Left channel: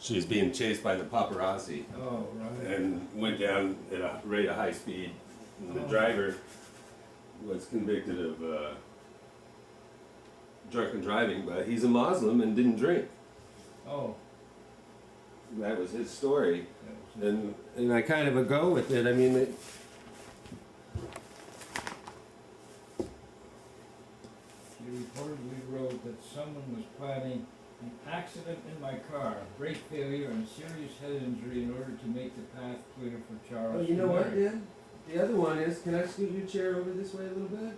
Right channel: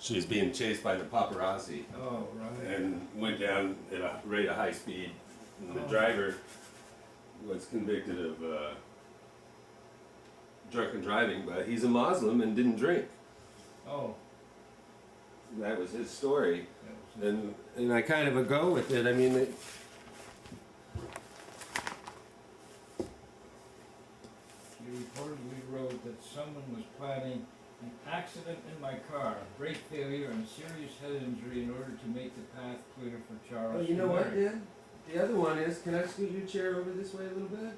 She was being chased by the paparazzi Oh, right. and went down at a rate of high speed. And the Oh. driver was convicted of drunken driving, but he's a Muslim and didn't drink. Oh. That was his story, that was- and I kind of go with it. I mean, She reportedly wrote that someone was planning an accident in my car, brake failure, and serious head injury in order to make the path clear for Charles. oh, you know what, Dan? The other one is, can I scoot your chair over this way a little bit?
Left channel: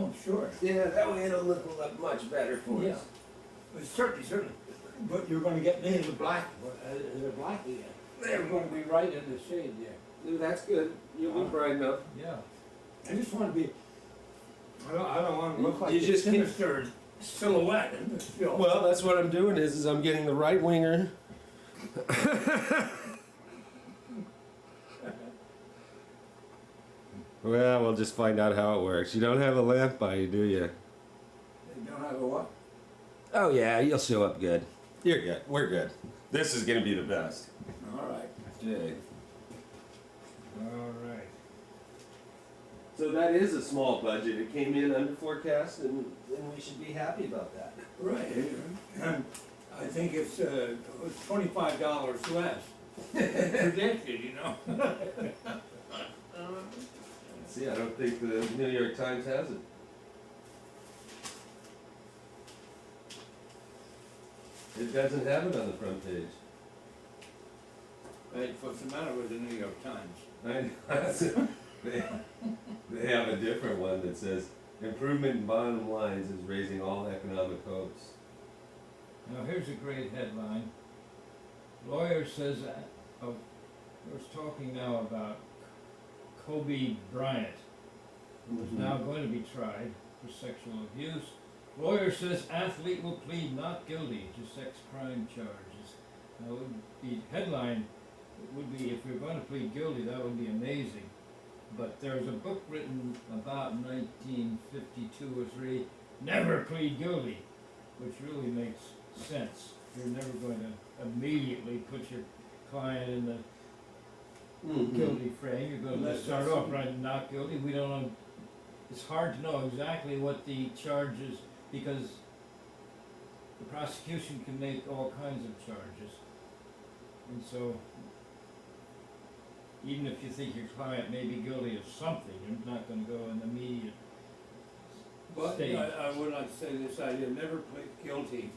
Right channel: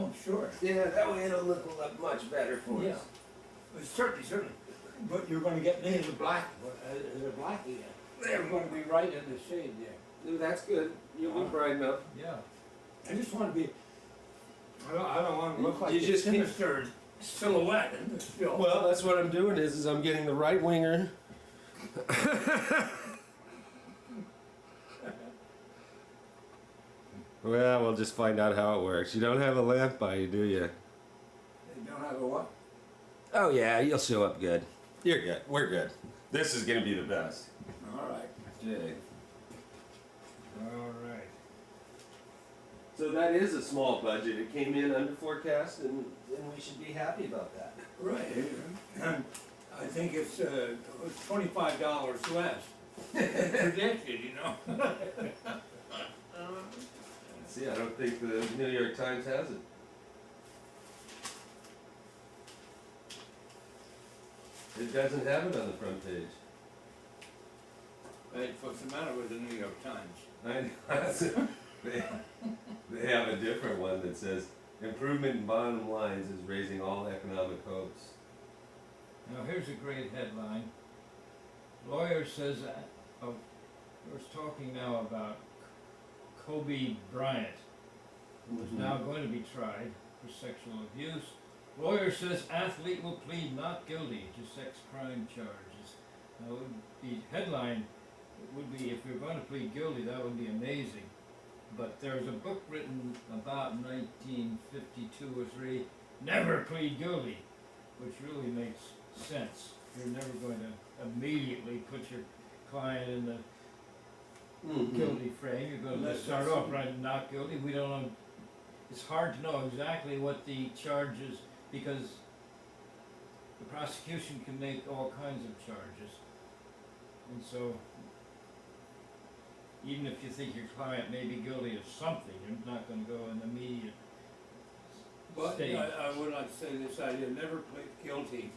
Oh, sure. Yeah, that way it'll look much better for Yeah. us. Certainly. But you're going to get me in the black. Is it black again? They're going to be right in the shade there. Ooh, that's good. You'll be bright enough. Yeah. I just want to be. I don't want to look like You a just keep- sinister silhouette in this film. Well, that's what I'm doing is I'm getting the right winger. Well, we'll just find out how it works. You don't have a lamp by you, do you? They don't have a what? Oh yeah, you'll show up good. You're good. We're good. This is gonna be the best. All right. Jay. All right. So that is a small budget. It came in under forecast, and we should be happy about that. Right. I think it's $25 less predicted, you know. See, I don't think the New York Times has it. It doesn't have it on the front page. Right, what's the matter with the New York Times? I know. They have a different one that says, improvement in bottom lines is raising all economic hopes. Now here's a great headline. Lawyer says, we're talking now about Kobe Bryant, who is now going to be tried for sexual abuse. Lawyer says athlete will plead not guilty to sex crime charges. Now, the headline would be, if you're going to plead guilty, that would be amazing. But there's a book written about 1952 or 3, Never Plead Guilty, which really makes sense. You're never going to immediately put your client in the guilty frame. You're going to start off writing not guilty. We don't know. It's hard to know exactly what the charge is, because the prosecution can make all kinds of charges. And so, even if you think your client may be guilty of something, you're not going to go in the immediate But stage. I would like to say this idea, never plead guilty,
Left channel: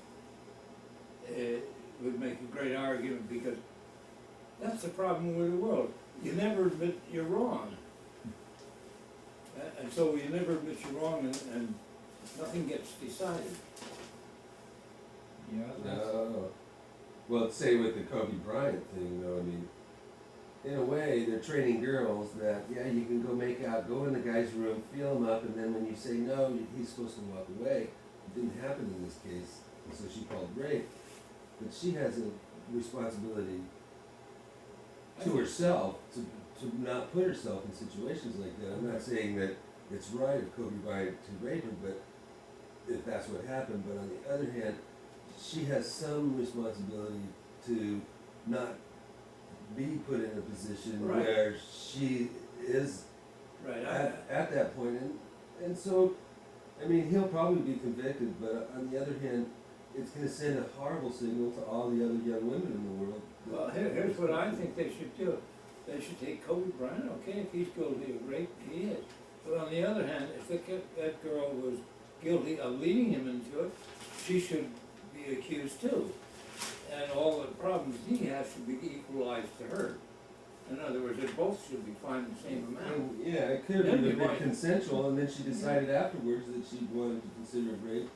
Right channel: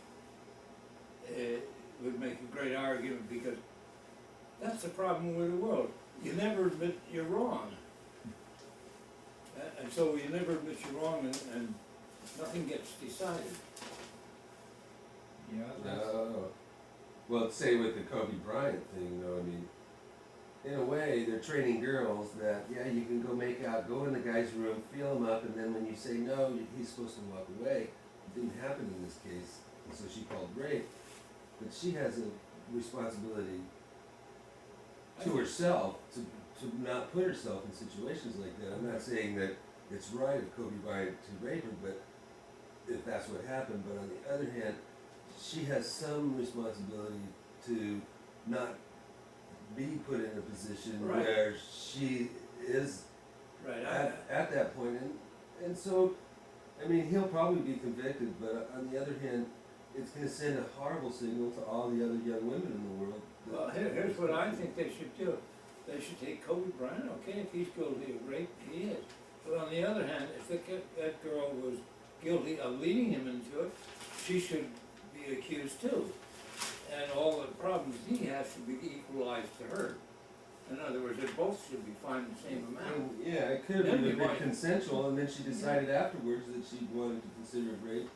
would make a great argument, because that's the problem with the world. You never admit you're wrong. And so you never admit you're wrong, and nothing gets decided. Yeah, that's, No. Well, say with the Kobe Bryant thing, though, I mean, in a way, they're training girls that, yeah, you can go make out, go in the guy's room, feel him up, and then when you say no, he's supposed to walk away. It didn't happen in this case, and so she called rape. But she has a responsibility to herself to not put herself in situations like that. I'm not saying that it's right of Kobe Bryant to rape her, but if that's what happened. But on the other hand, she has some responsibility to not be put in a position Right. where she is Right. at that point. And so, I mean, he'll probably be convicted, but on the other hand, it's going to send a horrible signal to all the other young women in the world. Well, here's what I think they should do. They should take Kobe Bryant, okay, if he's guilty of rape, he is. But on the other hand, if that girl was guilty of leading him into it, she should be accused too. And all the problems he has should be equalized to her. In other words, they both should be fined the same amount. And, yeah, it could That'd have be been right. consensual, and then she decided afterwards that she wanted to consider it rape.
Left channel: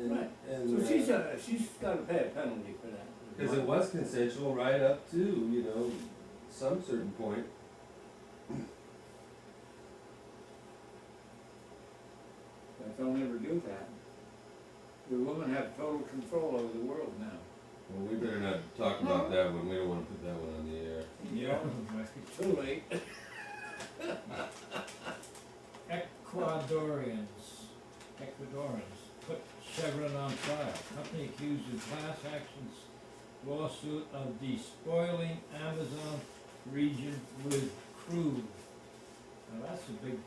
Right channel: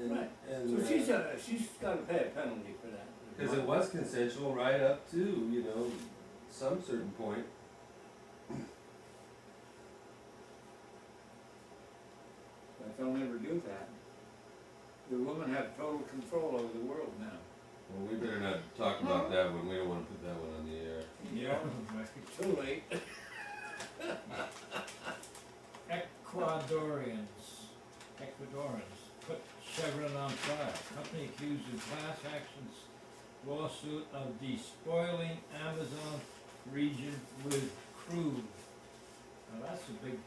And, Right. and, So she's got to pay a penalty for that. because it was consensual right up to, you know, some certain point. But they'll never do that. The women have total control over the world now. Well, we better not talk about that one. We don't want to put that one on the air. yeah. Too late. Ecuadorians put Chevron on trial. Company accused of class actions lawsuit of despoiling Amazon region with crude. Now that's a big,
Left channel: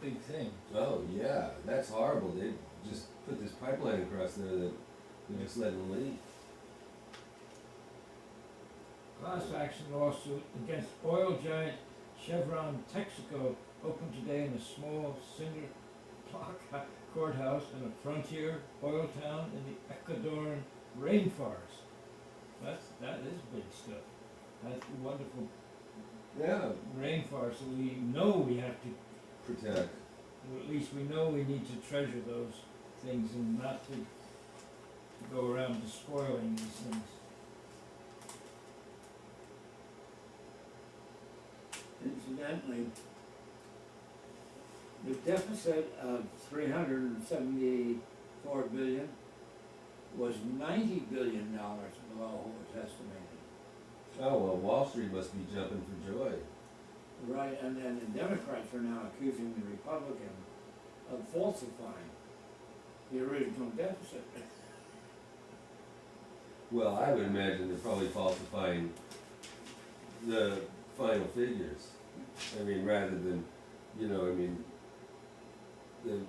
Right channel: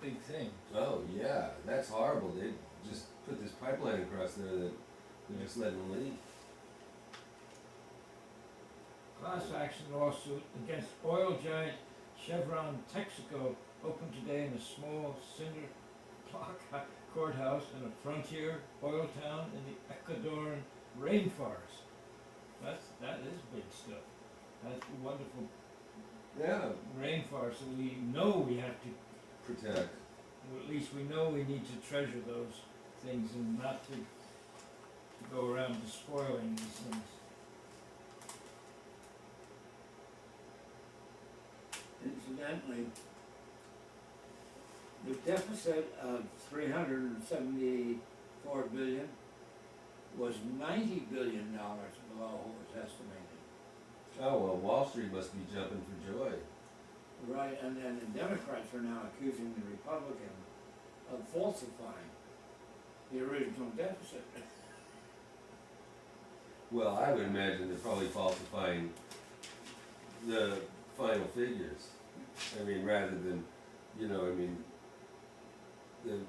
big thing. Oh, yeah, that's horrible. They just put this pipeline across there that they're just letting leak. Class action lawsuit against oil giant Chevron Texaco opened today in a small cinder block courthouse in a frontier oil town in the Ecuadorian rainforest. That is big stuff. That's wonderful Yeah, rainforest that we know we have to, protect. or at least we know we need to treasure those things and not to go around despoiling these things. Incidentally, the deficit of $374 billion was $90 billion below what was estimated. Oh, well, Wall Street must be jumping for joy. Right, and then the Democrats are now accusing the Republican of falsifying the original deficit. Well, I would imagine they're probably falsifying the final figures. I mean, rather than,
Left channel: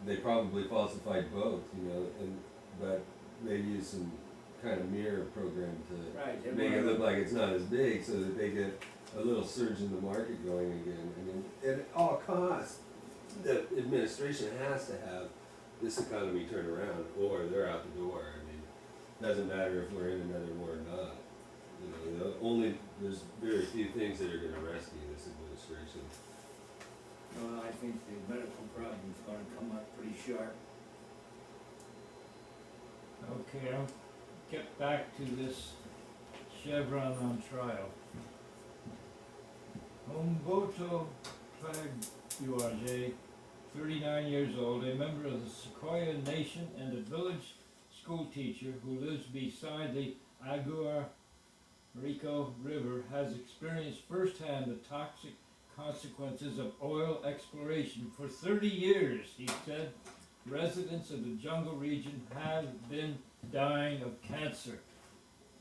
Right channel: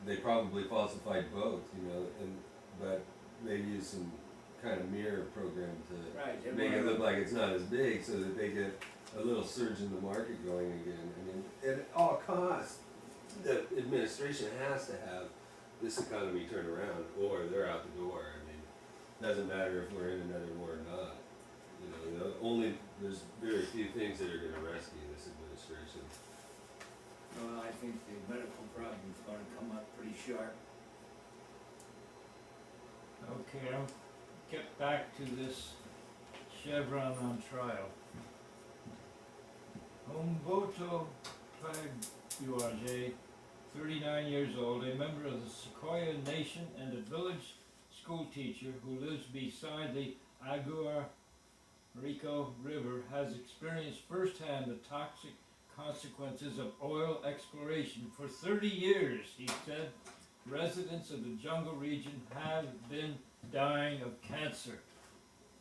they probably falsified both, but maybe use some kind of mirror program to Right. make it look like it's not as big so that they get a little surge in the market going again. I mean, at all costs, the administration has to have this economy turn around or they're out the door. I mean, doesn't matter if we're in another war or not. There's very few things that are gonna rescue this administration. Well, I think the medical problem's gonna come up pretty sharp. Okay, I'll get back to this Chevron on trial. Humberto Plaguage, 39 years old, a member of the Sequoia Nation and a village school teacher who lives beside the Agua Rico River, has experienced firsthand the toxic consequences of oil exploration. For 30 years, he said, residents of the jungle region have been dying of cancer,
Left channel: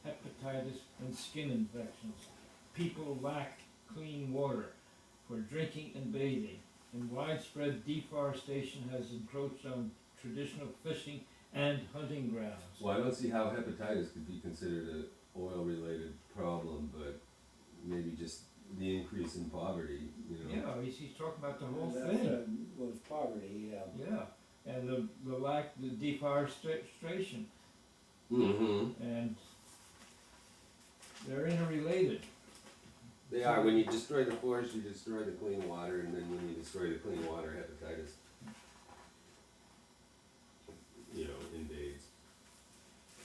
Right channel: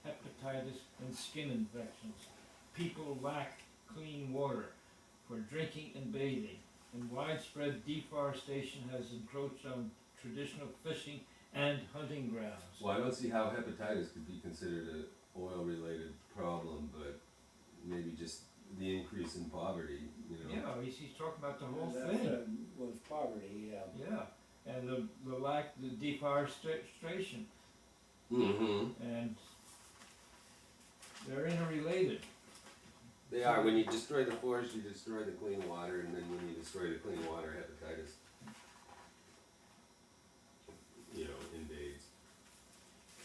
hepatitis, and skin infections. People lack clean water for drinking and bathing, and widespread deforestation has encroached on traditional fishing and hunting grounds. Well, I don't see how hepatitis could be considered an oil-related problem, but maybe just the increase in poverty, Yeah, he's talking about the whole That, thing. was poverty, Yeah, and the lack, the deforestation, Mm-hmm. and they're interrelated. They are. When you destroy the forest, you destroy the clean water, and then when you destroy the clean water, hepatitis, invades.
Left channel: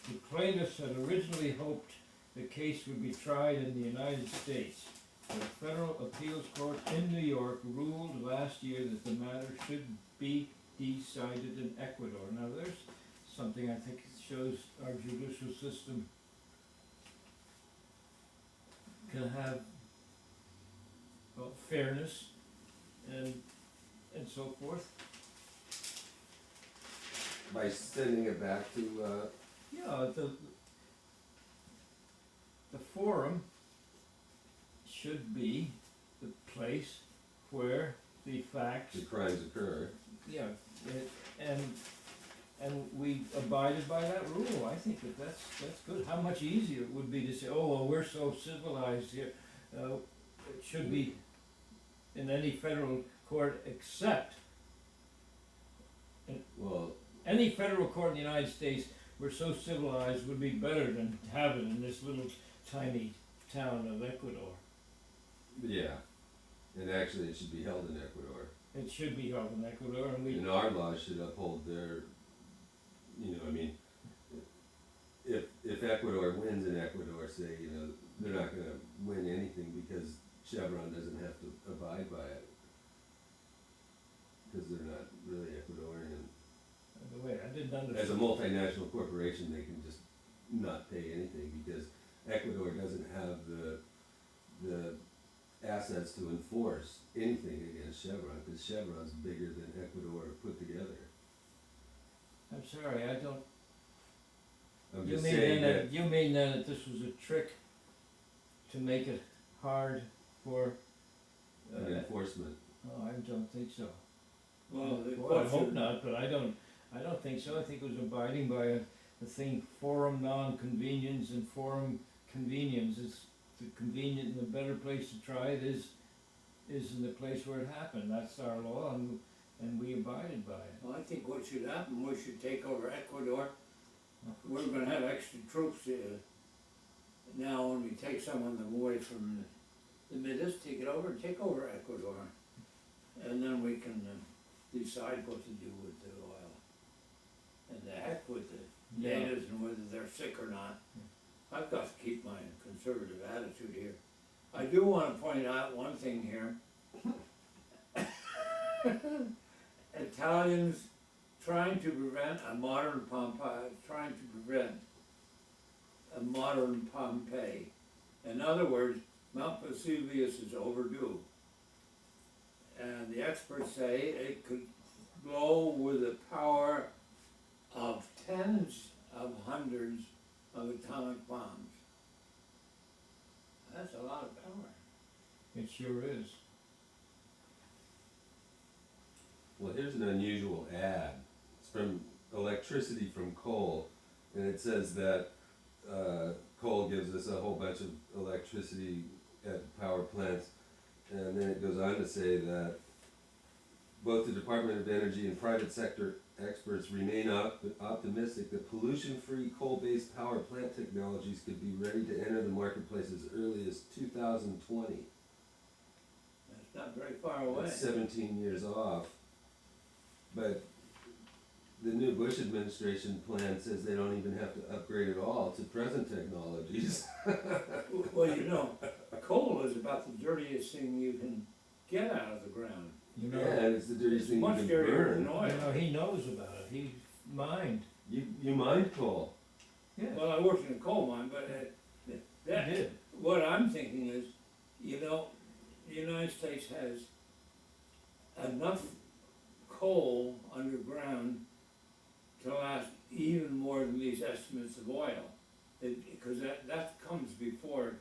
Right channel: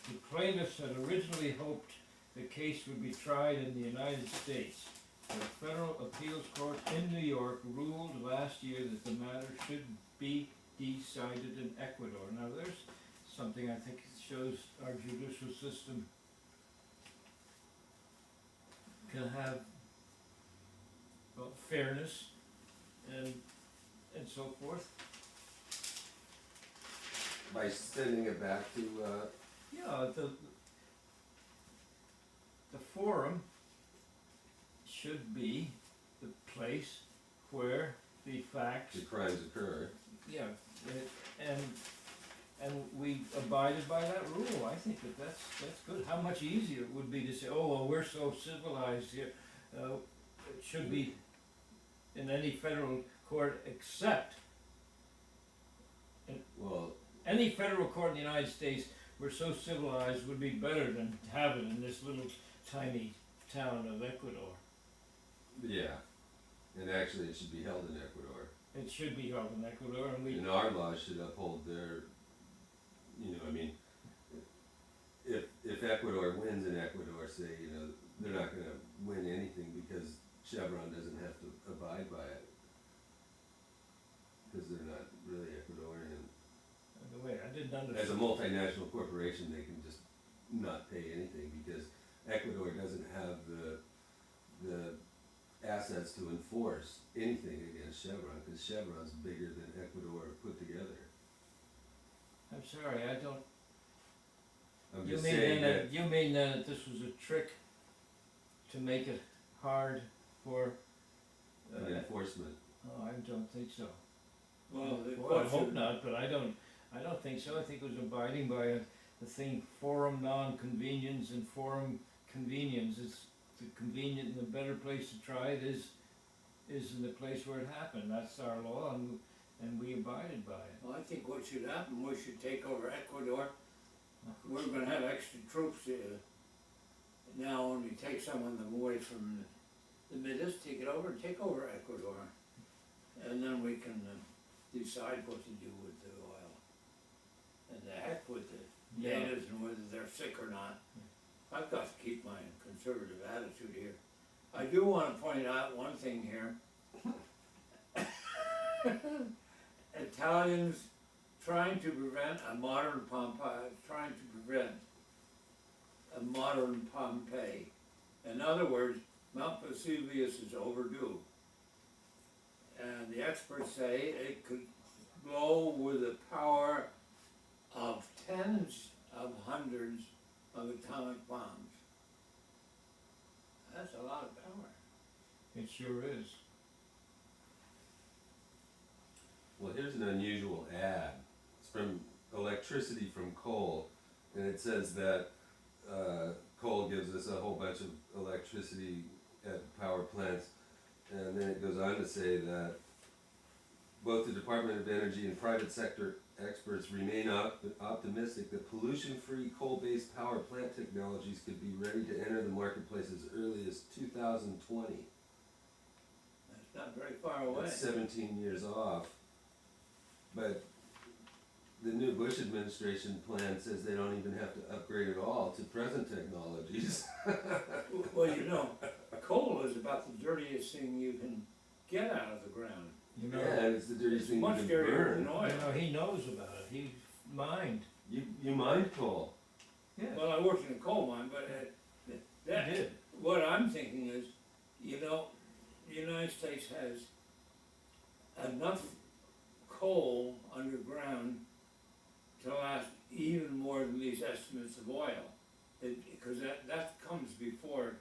The plaintiffs had originally hoped the case would be tried in the United States. The Federal Appeals Court in New York ruled last year that the matter should be decided in Ecuador. Now there's something I think shows our judicial system can have fairness and so forth. By sending it back to, Yeah, the forum should be the place where the facts, the crimes occur. yeah, and we abided by that rule. I think that's good. How much easier it would be to say, oh, well, we're so civilized here. It should be in any federal court except Well, any federal court in the United States. We're so civilized would be better than to have it in this little tiny town of Ecuador. yeah. And actually, it should be held in Ecuador. It should be held in Ecuador, and we. And our laws should uphold their, if Ecuador wins in Ecuador, say, they're not gonna win anything because Chevron doesn't have to abide by it. Because they're not really Ecuadorian. The way I didn't As a understand. multinational corporation, they can just not pay anything because Ecuador doesn't have the assets to enforce anything against Chevron, because Chevron's bigger than Ecuador put together. I'm sorry, I don't. I'm You just mean saying then that, you mean then that this was a trick hope not, but I don't think so. I think it was abiding by the thing, forum non-convenience and forum convenience. It's the convenient and the better place to try it is in the place where it happened. That's our law, and we abided by it. Well, I think what should happen, we should take over Ecuador. We're gonna have extra troops now when we take some of them away from the Midas, take it over, take over Ecuador. And then we can decide what to do with the oil. And the heck with the Yeah. natives and whether they're sick or not. I've got to keep my conservative attitude here. I do wanna point out one thing here. Italians trying to prevent a modern Pompeii, trying to prevent a modern Pompeii. In other words, Mount Vesuvius is overdue. And the experts say it could blow with the power of tens of hundreds of atomic bombs. That's a lot of power. It sure is. Well, here's an unusual ad. It's from Electricity from Coal, and it says that coal gives us a whole bunch of electricity at power plants, and then it goes on to say that both the Department of Energy and private sector experts remain optimistic that pollution-free coal-based power plant technologies could be ready to enter the marketplace as early as 2020. That's not very far away. That's 17 years off. But the new Bush administration plan says they don't even have to upgrade at all to present technologies. Well, you know, coal is about the dirtiest thing you can get out of the ground. You know, Yeah, it's the dirtiest It's thing much you can dirtier burn. than oil. he knows about it. He mined. You mine coal. Yeah, Well, I worked in a coal mine, but he that, did. what I'm thinking is, you know, the United States has enough coal underground to last even more than these estimates of oil. Because that comes before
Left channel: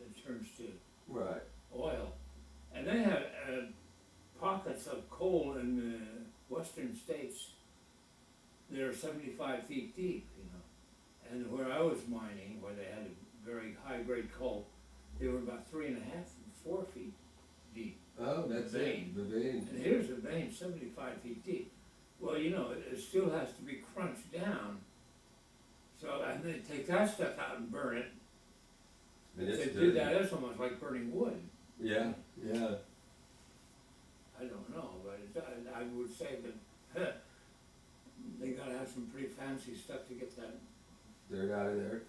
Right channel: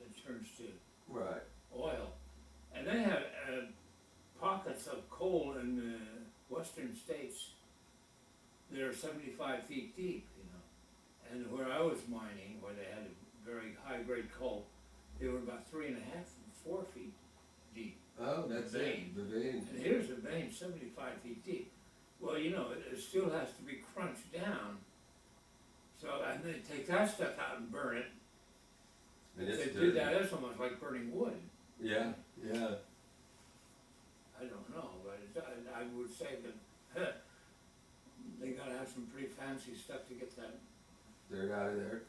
it turns to Right. oil. And they have pockets of coal in the western states that are 75 feet deep, you know. And where I was mining, where they had a very high-grade coal, they were about 3.5 and 4 feet deep. Oh, that's Vein. it. The vein. And here's a vein 75 feet deep. Well, you know, it still has to be crunched down. So, and they take that stuff out and burn it. And If it's they did dirty. that, that's almost like burning wood. Yeah, yeah. I don't know, but I would say that they gotta have some pretty fancy stuff to get that. Dirt out of there.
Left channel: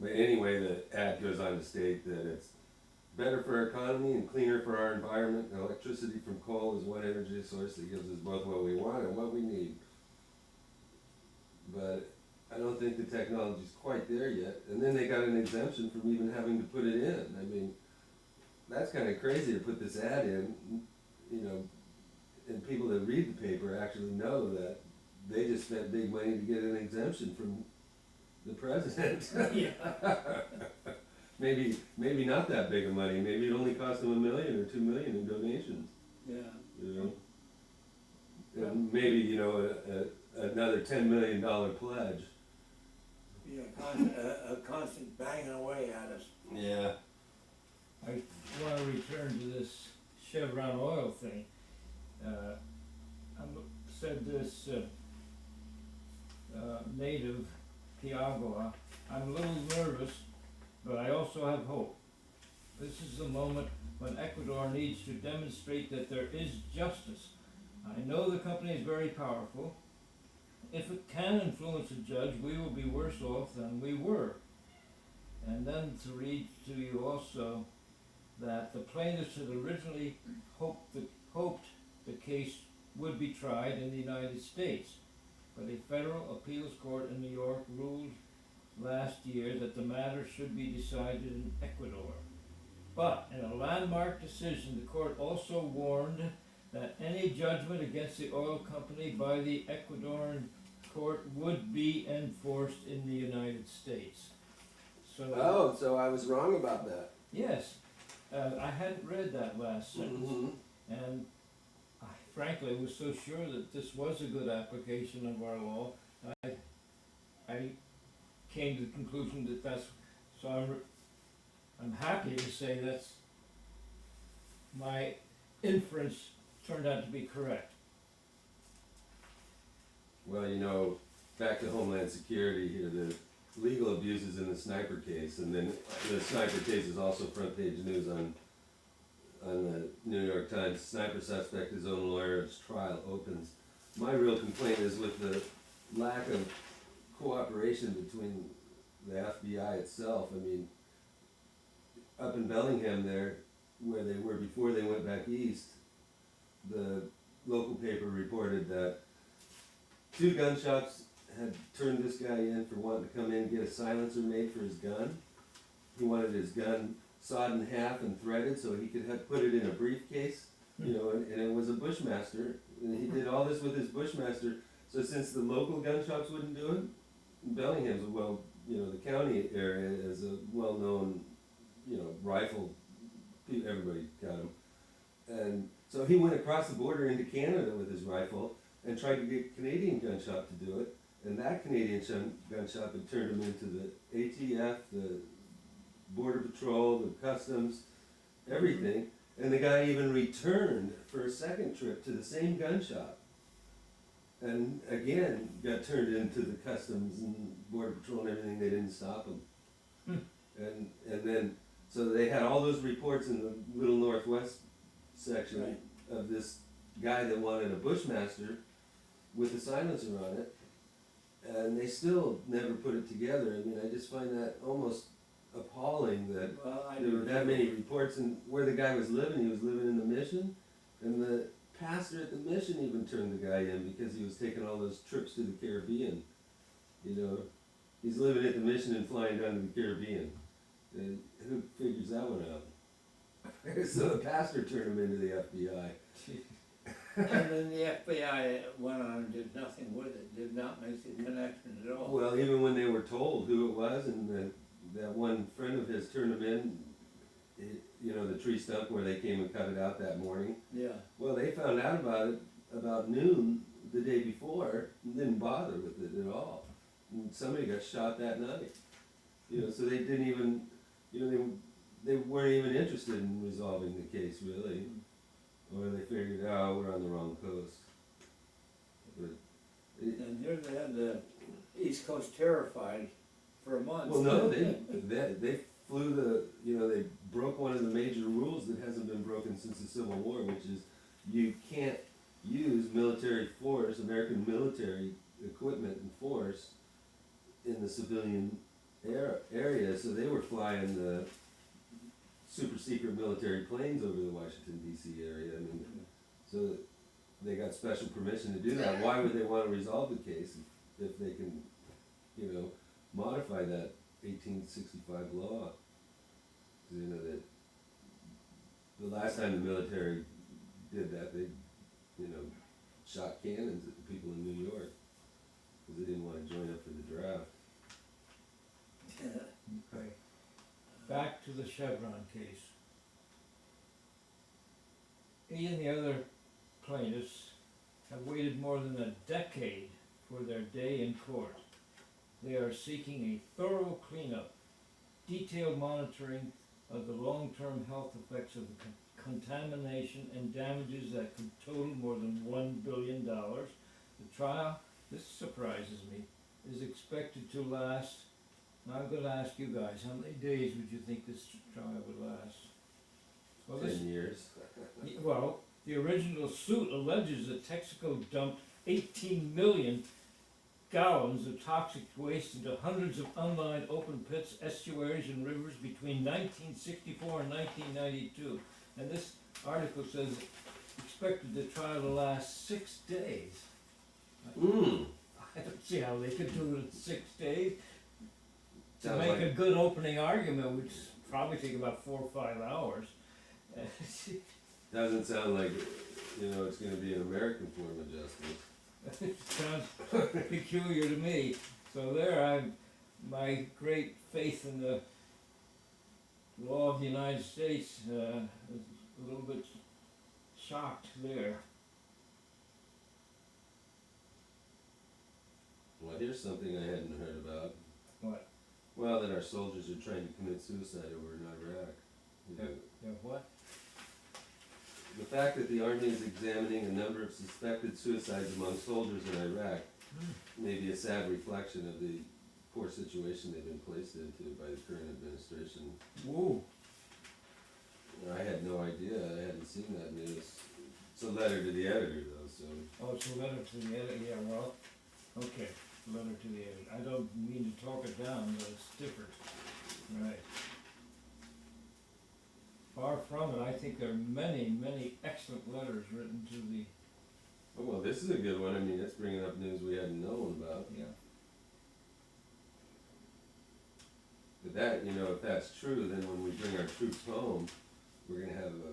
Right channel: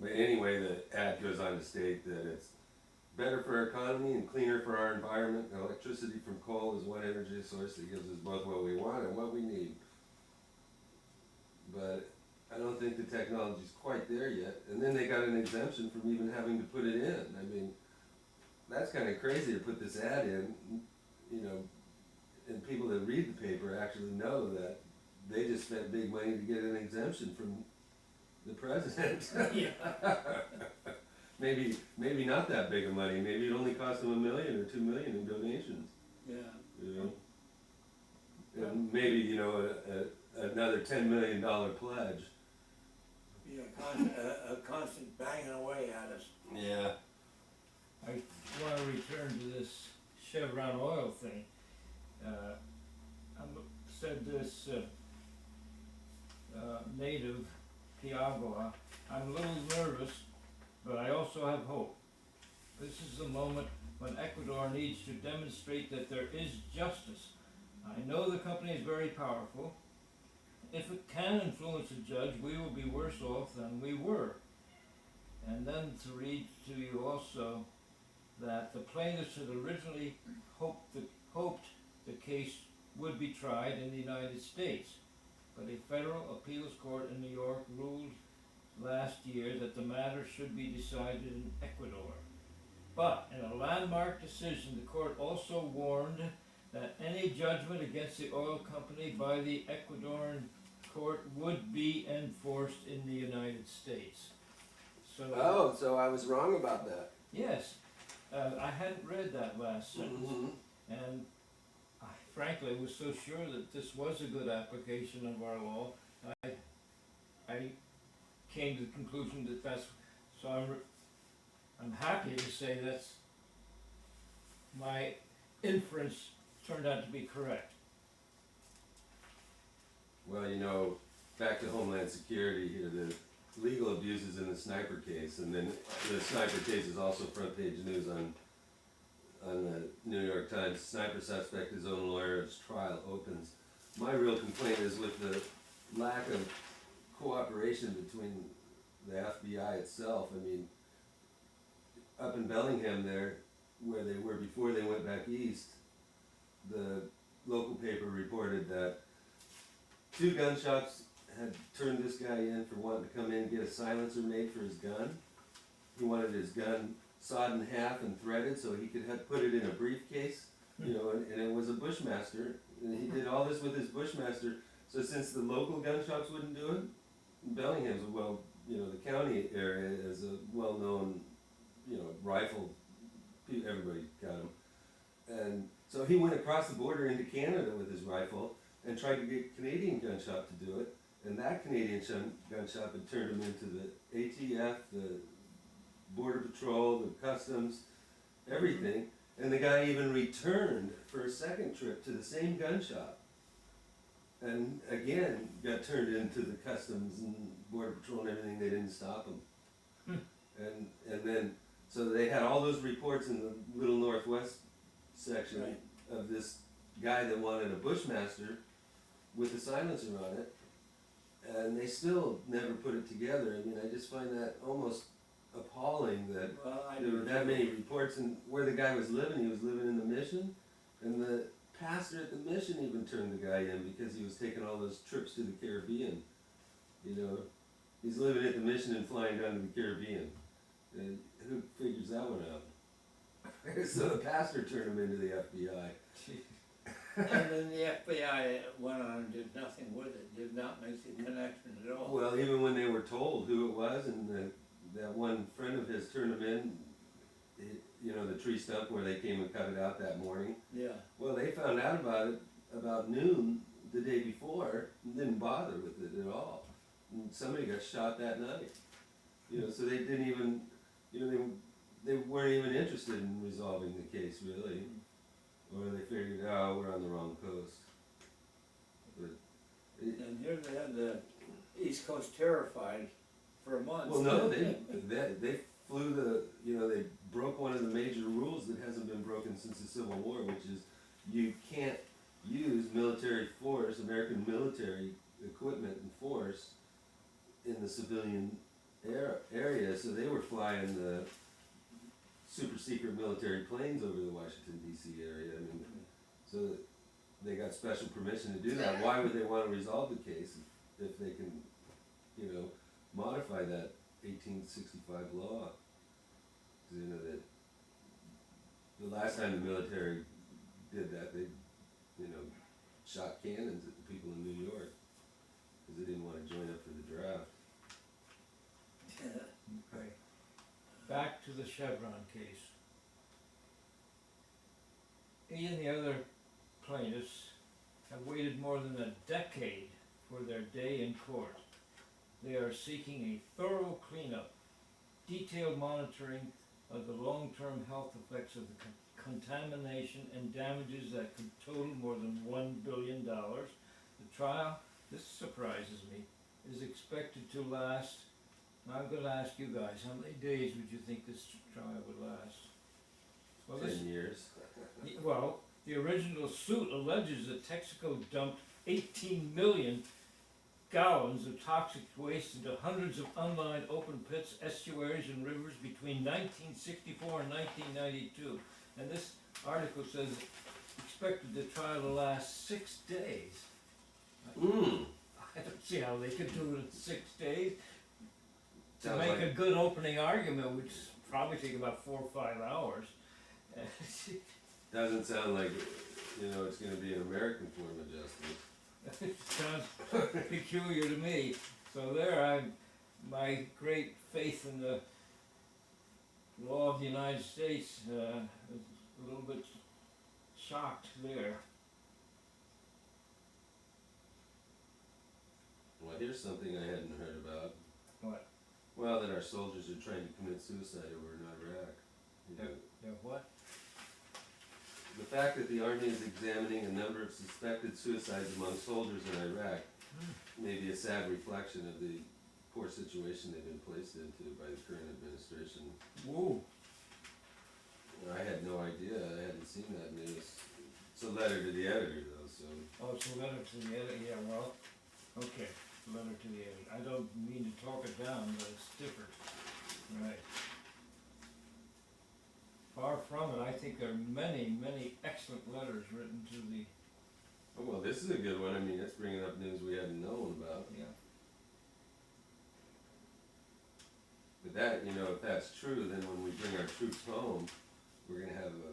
But anyway, the ad goes on to state that it's better for our economy and cleaner for our environment. Electricity from coal is one energy source that gives us both what we want and what we need. But I don't think the technology's quite there yet. And then they got an exemption from even having to put it in. I mean, that's kind of crazy to put this ad in, you know, and people that read the paper actually know that they just spent big money to get an exemption from the president. Yeah. Maybe not that big of money. Maybe it only cost them $1 million or $2 million in donations. Yeah. You know, and maybe another $10 million pledge. Yeah, a constant banging away at us. Yeah. I want to return to this Chevron oil thing. I said this native, Piagua, I'm a little nervous, but I also have hope. This is the moment when Ecuador needs to demonstrate that there is justice. I know the company is very powerful. If it can influence a judge, we will be worse off than we were. And then to read to you also that the plaintiffs had originally hoped the case would be tried in the United States, but a federal appeals court in New York ruled last year that the matter should be decided in Ecuador. But in a landmark decision, the court also warned that any judgment against the oil company by the Ecuadorian court would be enforced in the United States. So, so I was wrong about that. yes, I hadn't read that last sentence, Mm-hmm. and I frankly was so sure that this was a good application of our law, I came to the conclusion that that's, so I'm happy to say that's, my inference turned out to be correct. Well, you know, back to Homeland Security here, the legal abuses in the sniper case, and then the sniper case is also front page news on the New York Times. Sniper suspect, his own lawyer's trial opens. My real complaint is with the lack of cooperation between the FBI itself. I mean, up in Bellingham there, where they were before they went back east, the local paper reported that 2 gun shops had turned this guy in for wanting to come in and get a silencer made for his gun. He wanted his gun sawed in half and threaded so he could put it in a briefcase, you know, and it was a Bushmaster. And he did all this with his Bushmaster. So since the local gun shops wouldn't do it, Bellingham's the county area is a well-known, rifle. Everybody got them. And so he went across the border into Canada with his rifle and tried to get Canadian gun shop to do it. And that Canadian gun shop had turned him into the ATF, the Border Patrol, the Customs, everything. And the guy even returned for a second trip to the same gun shop. And again, got turned into the Customs and Border Patrol and everything. They didn't stop him. And then, so they had all those reports in the Little Northwest section of this guy that wanted a Bushmaster with a silencer on it. And they still never put it together. I mean, I just find that almost appalling that there were that many reports. And where the guy was living, he was living in the Mission. And the pastor at the Mission even turned the guy in because he was taking all those trips to the Caribbean. You know, he's living at the Mission and flying down to the Caribbean. And who figures that one out? So the pastor turned him into the FBI. And then the FBI went on and did nothing with it, did not make the connection at all. Well, even when they were told who it was, and that one friend of his turned him in, the tree stump where they came and cut it out that morning. Yeah. Well, they found out about it about noon the day before and didn't bother with it at all. And somebody got shot that night. So they didn't even, they weren't even interested in resolving the case really. Or they figured, we're on the wrong coast. And here they had the East Coast terrified for a month. Well, no, they flew they broke one of the major rules that hasn't been broken since the Civil War, which is you can't use military force, American military equipment and force in the civilian area. So they were flying the super secret military planes over the Washington D.C. area. I mean, so they got special permission to do that. Why would they want to resolve the case if they can, modify that 1865 law? Because that the last time the military did that, they, shot cannons at the people in New York because they didn't want to join up for the draft. Okay. Back to the Chevron case. He and the other plaintiffs have waited more than a decade for their day in court. They are seeking a thorough cleanup, detailed monitoring of the long-term health effects of the contamination and damages that could total more than $1 billion. The trial, this surprises me, is expected to last. Now I'm going to ask you guys, how many days would you think this trial would last? Well, 10 years. Well, the original suit alleges that Texaco dumped 18 million gallons of toxic waste into hundreds of unlined open pits, estuaries, and rivers between 1964 and 1992. And this article says expected the trial to last 6 days. I don't see how they could do it in 6 days. To Sounds make like a good opening argument, which probably take about 4 or 5 hours. doesn't sound like it's going to be an American form of justice. It sounds peculiar to me. So my great faith in the law of the United States is a little bit shocked there. something I hadn't heard about. What? Well, that our soldiers are trying to commit suicide over in Iraq. You know, They're what? the fact that the Army is examining a number of suspected suicides among soldiers in Iraq may be a sad reflection of the poor situation they've been placed into by the current administration. Whoa. I had no idea, I hadn't seen that news. It's a letter to the editor though, so. Oh, it's a letter to the editor, yeah, well, okay, letter to the editor. I don't mean to talk it down, but it's different. Right. Far from it, I think there are many, many excellent letters written to the, Oh, well, this is a good one, I mean, it's bringing up news we hadn't known about. yeah. But that, you know, if that's true, then when we bring our troops home, we're gonna have a,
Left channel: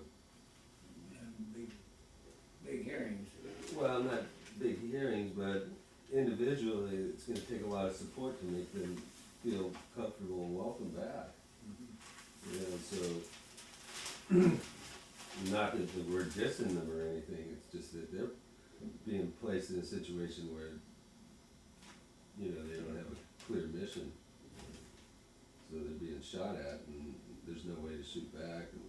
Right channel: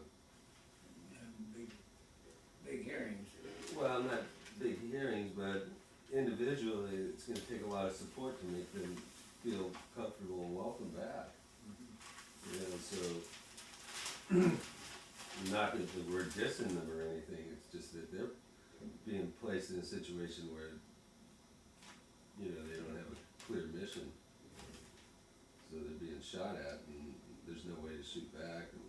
Big hearings. well, not big hearings, but individually, it's gonna take a lot of support to make them feel comfortable and welcome back. You know, so, not that we're dissing them or anything, it's just that they're being placed in a situation where, you know, they don't have a clear mission. So they're being shot at and there's no way to shoot back. And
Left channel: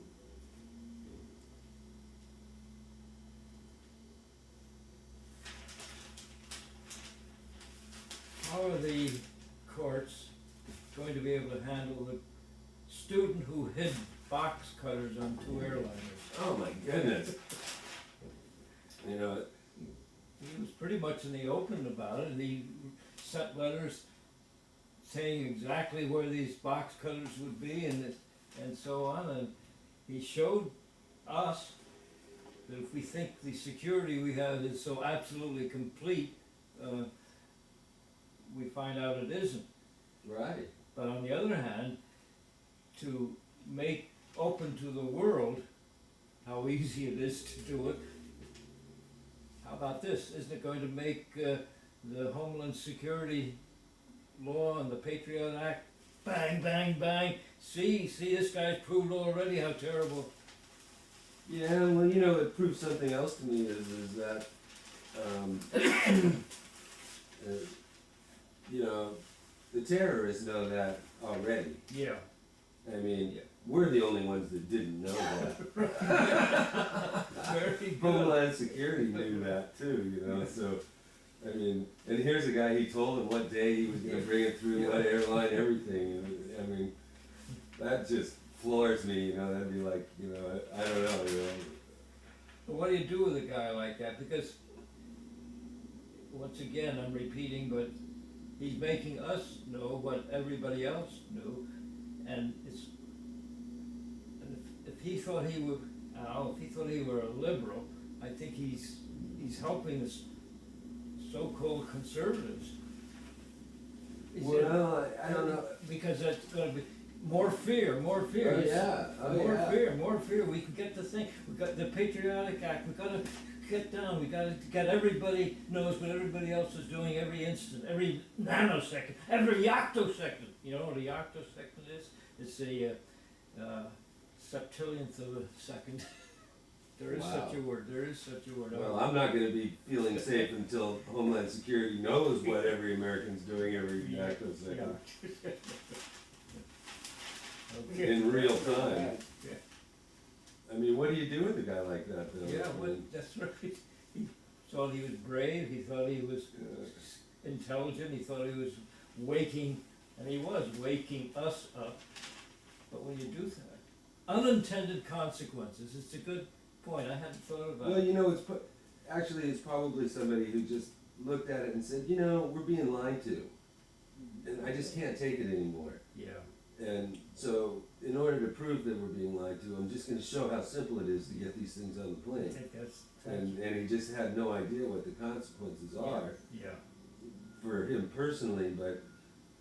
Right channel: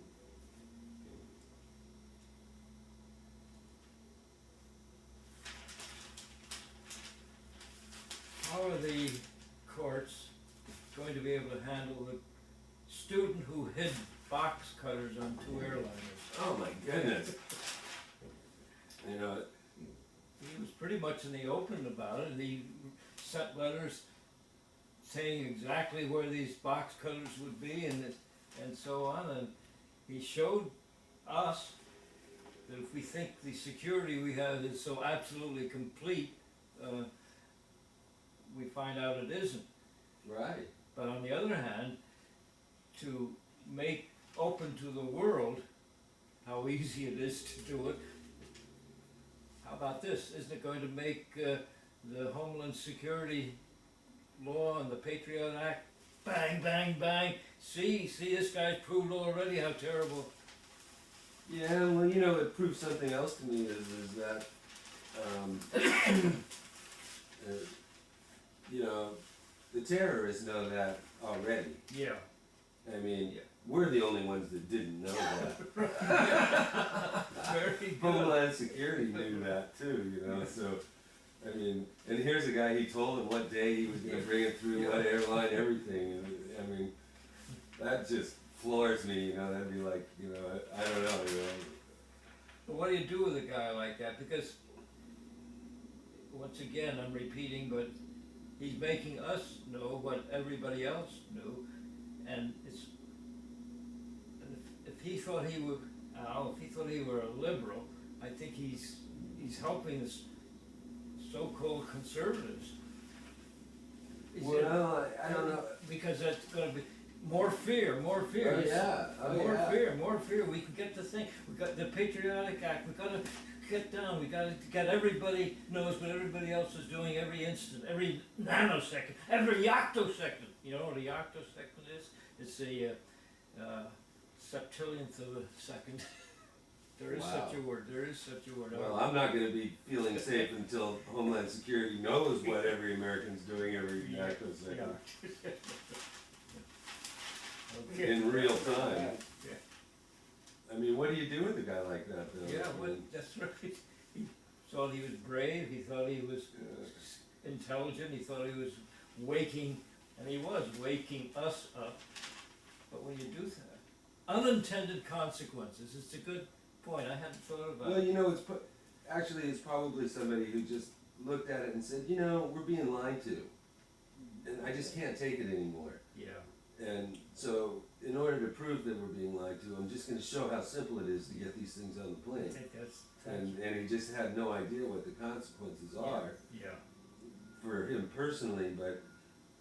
How are the courts going to be able to handle the student who hid box cutters on 2 airliners? oh my goodness. You know, He was pretty much in the open about it, he sent letters saying exactly where these box cutters would be and so on, and he showed us that if we think the security we have is so absolutely complete, we find out it isn't. right. But on the other hand, to make open to the world how easy it is to do it, how about this? Isn't it going to make the Homeland Security law and the Patriot Act bang, bang, bang? See, this guy's proved already how terrible. Yeah, well, you know, it proves something else to me is that, you know, the terrorists know that already. Yeah. I mean, Yeah. we're the only ones that didn't know that. Very good. Homeland Security knew that too, you know, so, I mean, and here's a guy, he told him what day he was gonna bring it through, what airline, everything, and, I mean, that just floors me, you know, that'd be like, you know, I don't know, you know. But what do you do with a guy like that? Because, once again, I'm repeating, but he's making us know what everybody else knew, and it's, and if he thought he were, Al, if he thought he were a liberal, I think he's helping the so-called conservatives. He said- Well, I don't know. Because that's gonna be more fear. Oh, yeah, oh, yeah. More fear, we can get the thing, we got the Patriotic Act, we gotta get down, we gotta get everybody knows what everybody else is doing every instant, every nanosecond, every octosecond. You know what a octosecond is? It's a, septillionth of a second. There is Wow. such a word, there is such a word. Well, I'm not gonna be feeling safe until Homeland Security knows what every American's doing every second. Okay. In real time. Yeah. I mean, what do you do with a guy like that though? Yeah, I well, mean, that's right. He thought he was brave, he thought he was intelligent, he thought he was waking, and he was waking us up. But when you do that, unintended consequences, it's a good point, I hadn't thought about well, it. you know, actually it's probably somebody who just looked at it and said, you know, we're being lied to. And I just can't take it anymore. Yeah, And so, in order to prove that we're being lied to, I'm just gonna show how simple it is to get these things on the I plane. think that's, And he just had no idea what the consequences are yeah, for him personally, but,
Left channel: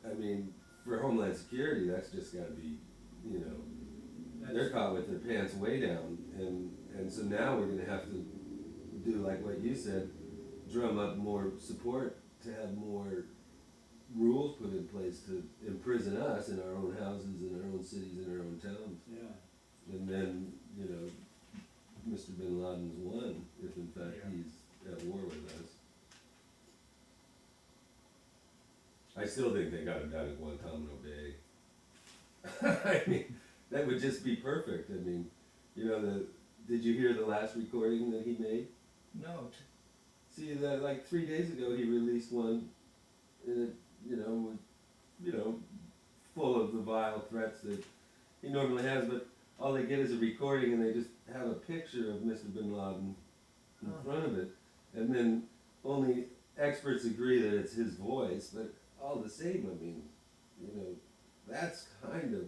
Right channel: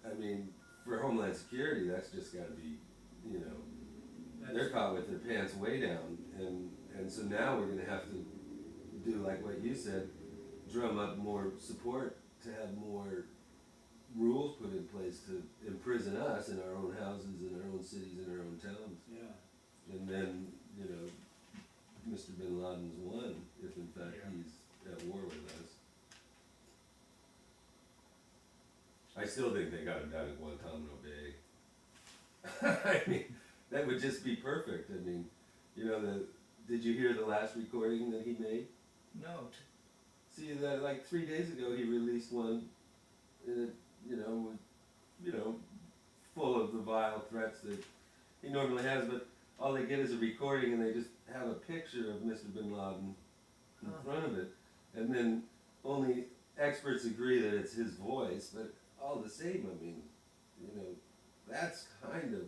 I mean, for Homeland Security, that's just gotta be, you know, they're that's, caught with their pants way down, and so now we're gonna have to do like what you said, drum up more support to have more rules put in place to imprison us in our own houses, in our own cities, in our own towns. Yeah. And then, you know, Mr. Bin Laden's won, if in fact Yeah. he's at war with us. still think they got him down at Guantanamo Bay. I mean, that would just be perfect. I mean, you know, did you hear the last recording that he made? No, See, that like 3 days ago he released one, you know, full of the vile threats that he normally has, but all they get is a recording and they just have a picture of Mr. Bin Laden in front of it, and then only experts agree that it's his voice, but all the same, I mean, you know, that's kind of,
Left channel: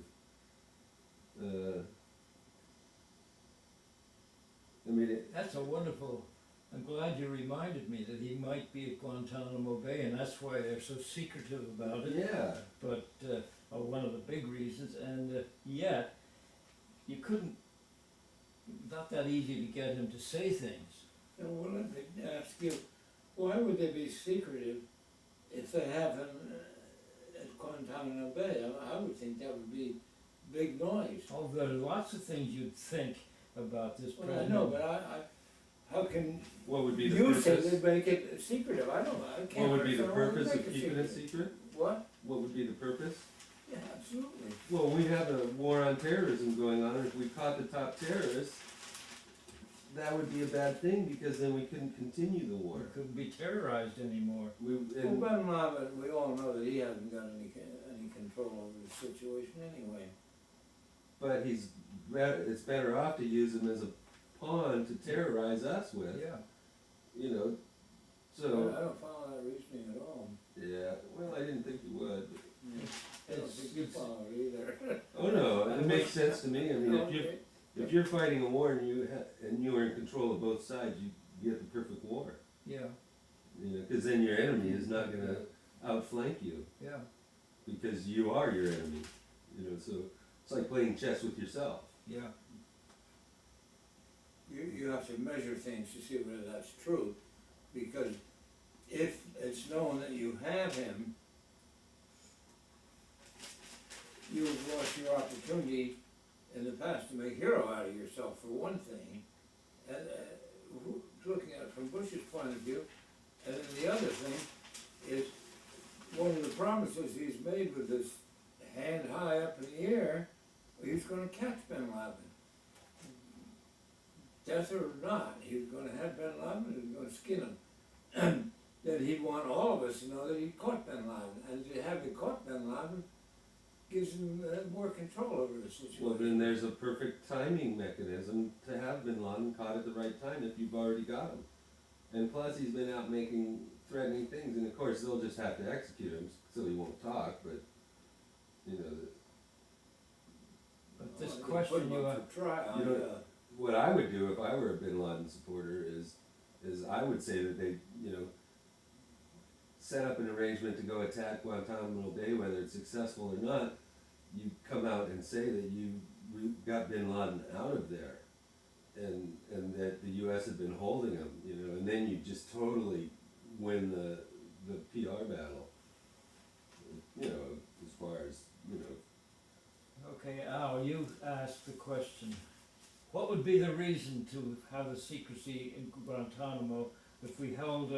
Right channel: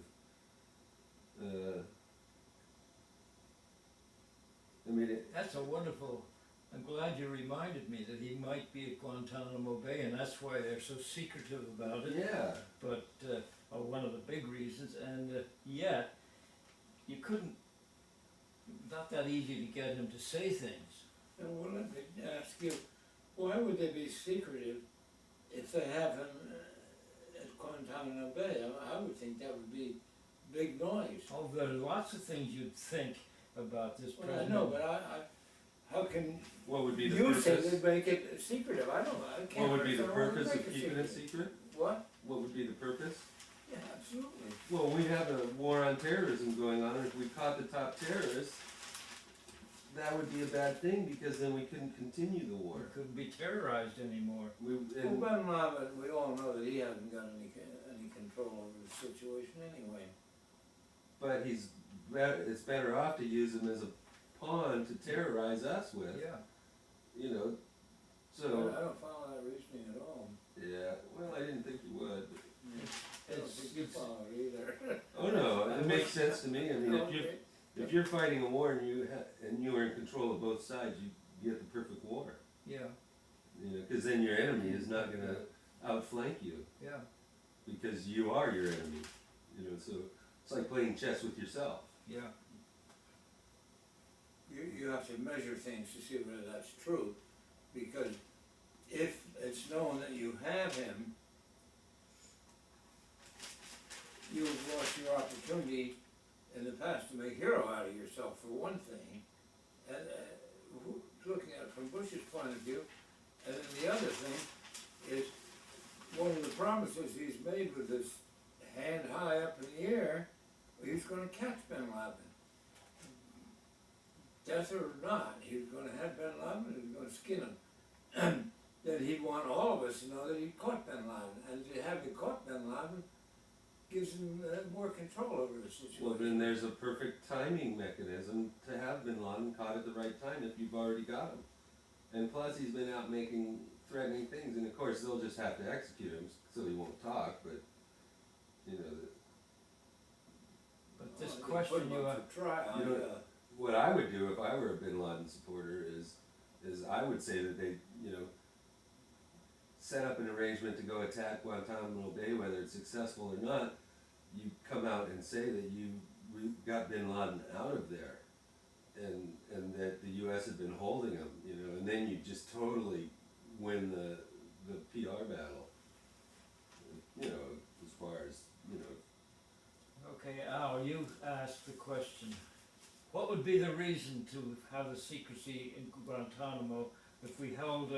I mean, that's a wonderful, I'm glad you reminded me that he might be at Guantanamo Bay, and that's why they're so secretive about it. yeah, But, one of the big reasons, and yet, you couldn't, not that easy to get him to say things. Now, well, let me ask you, why would they be secretive if they have him at Guantanamo Bay? I would think that would be big noise. Oh, there are lots of things you'd think about this Well, I president. know, but how can what would be the you say purpose? they make it secretive? I don't know, I can't. What would be the understand why they purpose of make keeping it secret? What? What would be the purpose? Yeah, absolutely. Well, we have a war on terrorism going on, and if we caught the top terrorists, that would be a bad thing, because then we couldn't continue the war. He couldn't be terrorized anymore. Well, Bin Laden, we all know that he hasn't got any control over the situation anyway. But it's better off to use him as a pawn to terrorize us with, Yeah. you know, so, I don't follow that reasoning at all. yeah, well, I didn't think you would. I don't think you follow it either. Oh, no, it makes sense to me, I mean, Okay. if you're fighting a war and you are in control of both sides, you get the perfect war, Yeah, you know, cause then your enemy is not gonna outflank you, yeah. because you are your enemy, you know, so it's like playing chess with yourself. Yeah, You have to measure things to see whether that's true, because if it's known that you have him, you've lost your opportunity in the past to make hero out of yourself, for one thing, and looking at it from Bush's point of view, and then the other thing is, one of the promises he's made with his hand high up in the air, he's gonna catch Bin Laden. Death or not, he was gonna have Bin Laden, he was gonna skin him. Then he'd want all of us to know that he caught Bin Laden, and to have him caught Bin Laden gives him more control over the Well, situation. then there's a perfect timing mechanism to have Bin Laden caught at the right time if you've already got him. And plus, he's been out making threatening things, and of course, they'll just have to execute him so he won't talk, but, you know, but this They question put him you up have, for trial, You know, yeah. what I would do if I were a Bin Laden supporter is I would say that they, you know, set up an arrangement to go attack Guantanamo Bay, whether it's successful or not. You come out and say that you got Bin Laden out of there, and that the U.S. had been holding him, you know, and then you just totally win the PR battle, you know, as far as, you know. okay, Al, you asked the question. What would be the reason to have the secrecy in Guantanamo if we held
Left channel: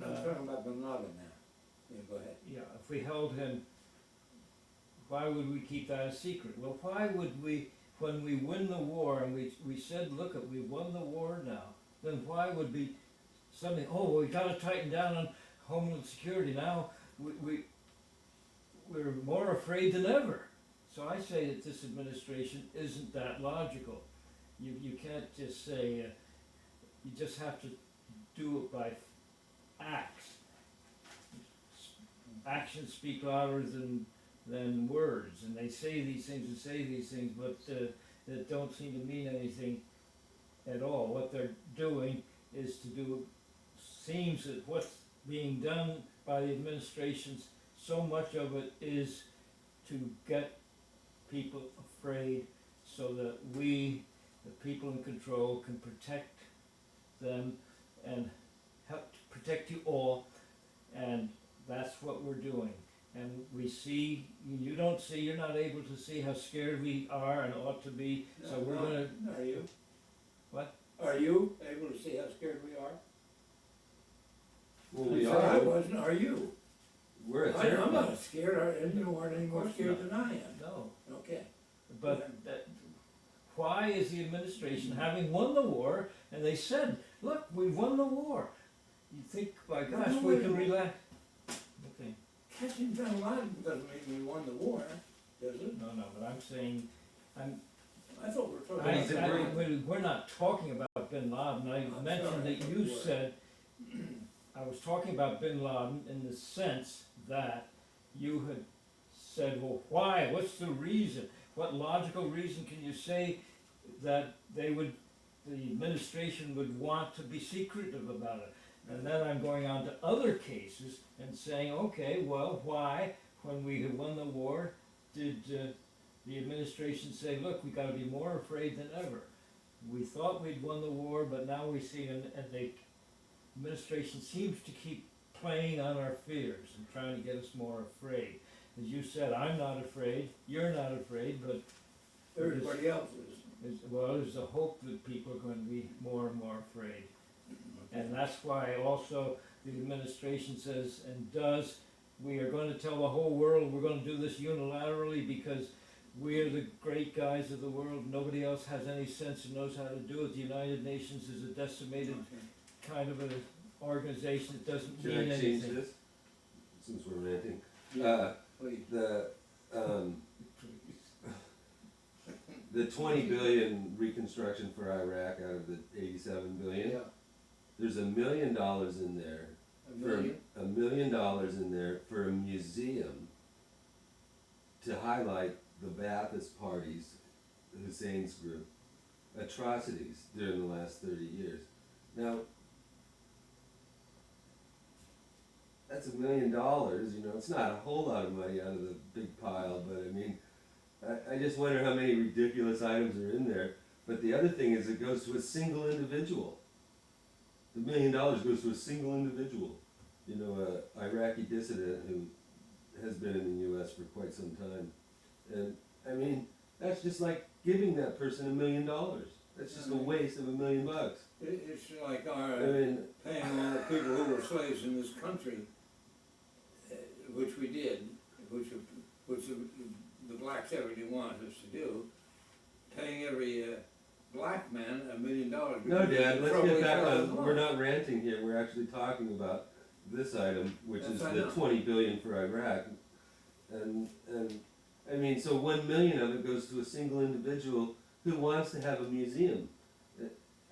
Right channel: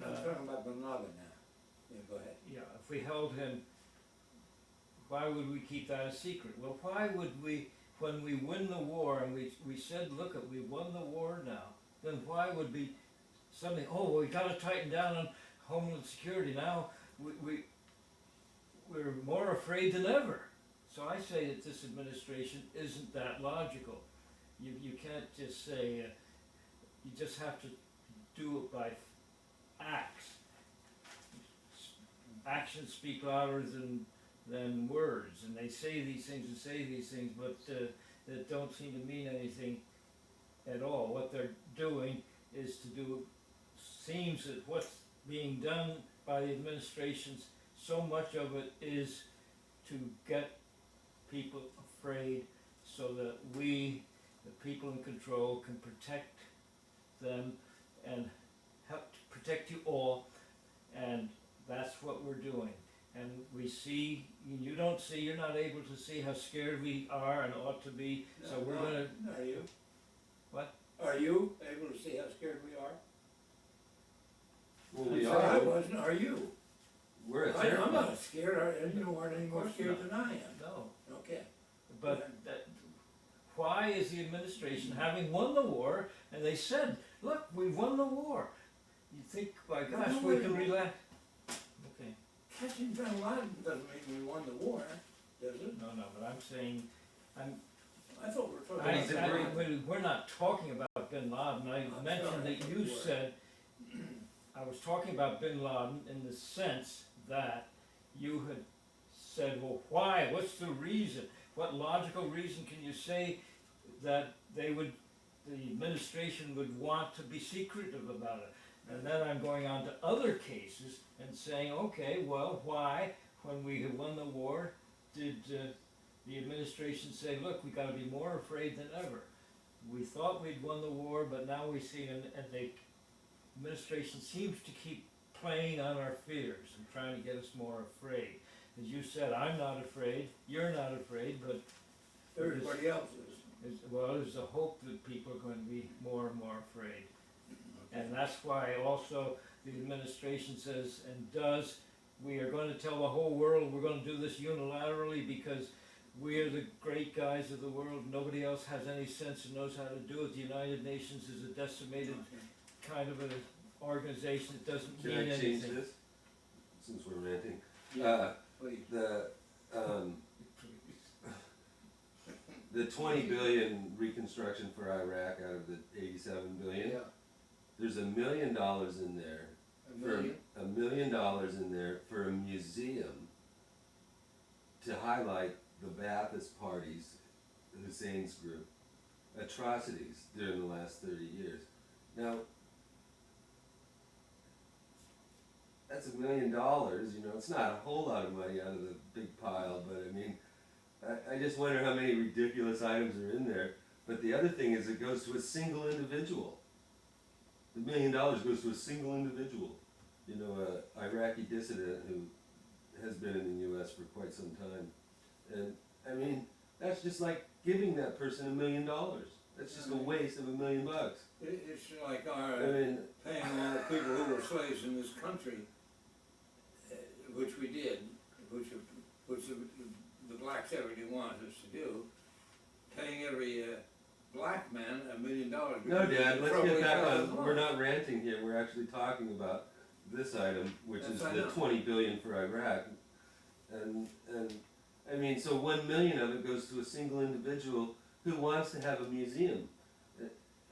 I'm talking about Bin Laden now. Yeah, go ahead. yeah, if we held him, why would we keep that a secret? Well, why would we, when we win the war and we said, look, we won the war now, then why would be something, oh, we gotta tighten down on Homeland Security now, we're more afraid than ever. So I say that this administration isn't that logical. You can't just say, you just have to do it by acts. Actions speak louder than words, and they say these things and say these things, but that don't seem to mean anything at all. What they're doing is seems that what's being done by the administrations, so much of it is to get people afraid so that we, the people in control, can protect them and help to protect you all, and that's what we're doing. And we see, you don't see, you're not able to see how scared we are and ought to be, so we're gonna, Are you? what? Are you able to see how scared we are? Well, we I are. wasn't, are you? We're a I and you weren't any more Of course scared not. than I am. No, Okay. but why is the administration having won the war, and they said, look, we've won the war. You think, by No, gosh, no, we wait a can minute. relax? Okay, Catching Bin Laden doesn't mean we won the war, does it? no, but I'm saying, I thought we were talking He's a about. great- we're not talking about Bin Laden. I I'm mentioned sorry, that I you thought you said, I was talking about Bin Laden in the sense that you had said, well, why? What's the reason? What logical reason can you say that the administration would want to be secretive about it? And then I'm going on to other cases and saying, okay, well, why, when we had won the war, did the administration say, look, we gotta be more afraid than ever? We thought we'd won the war, but now we see, and the administration seems to keep playing on our fears and trying to get us more afraid. As you said, I'm not afraid, you're not afraid, but Everybody else is. there's a hope that people are going to be more and more afraid. And that's why also the administration says and does, we are going to tell the whole world we're going to do this unilaterally because we're the great guys of the world. Nobody else has any sense and knows how to do it. The United Nations is a decimated Okay. kind of an organization that doesn't Can mean I change anything. this? Since we're ranting. Yeah, please. The 20 billion reconstruction for Iraq out of the 87 billion, Yeah, there's $1 million in there, a for million. $1 million in there for a museum to highlight the Ba'athist Party's, Hussein's group, atrocities during the last 30 years. Now, that's $1 million, you know, it's not a whole lot of money out of the big pile, but I mean, I just wonder how many ridiculous items are in there. But the other thing is it goes to a single individual. The $1 million goes to a single individual. You know, a Iraqi dissident who has been in the U.S. for quite some time. And, I mean, that's just like giving that person $1 million. That's just a waste of $1 million. It's like I our mean, paying all the people who were slaves in this country, which we did, which the blacks everybody wanted us to do, paying every black man $1 million. no, Dad, let's Probably get back fell in on, love. we're not ranting here, we're actually talking about this item, which Yes, is I the know. 20 billion for Iraq. And, I mean, so 1 million of it goes to a single individual who wants to have a museum.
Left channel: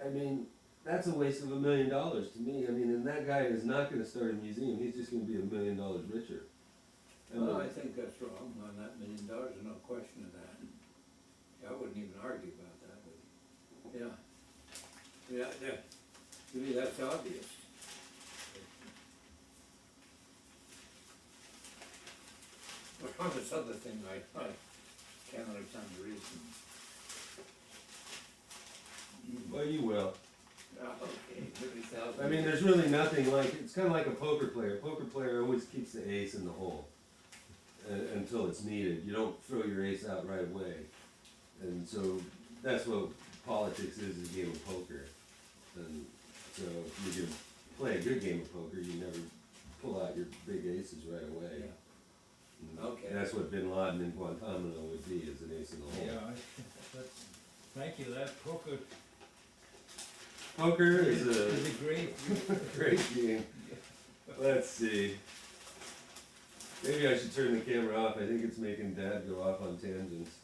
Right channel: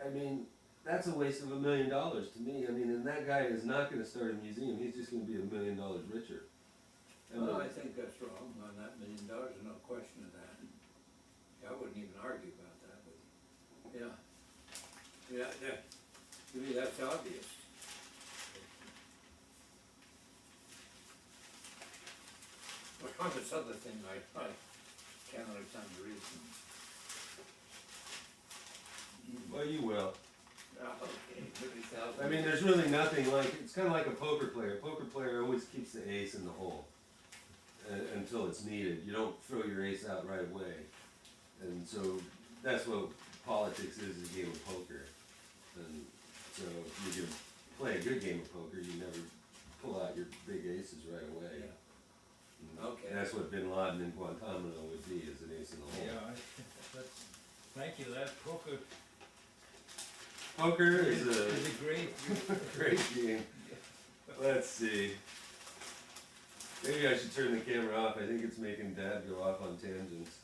I mean, that's a waste of $1 million to me. I mean, and that guy is not gonna start a museum, he's just gonna be $1 million richer. Well, I think that's wrong on that $1 million, there's no question of that. I wouldn't even argue about that with you. Yeah. Yeah, to me, that's obvious. But on this other thing, I can't understand the reason. Well, you will. Okay, 30,000. I mean, there's really nothing like, it's kinda like a poker player. A poker player always keeps the ace in the hole until it's needed. You don't throw your ace out right away. And so that's what politics is a game of poker. And so if you can play a good game of poker, you never pull out your big aces right away. Yeah. And Okay. that's what Bin Laden in Guantanamo would be, is an ace in the hole. Yeah, thank you, that poker Poker is is a great, great game. Let's see. Maybe I should turn the camera off. I think it's making Dad go off on tangents.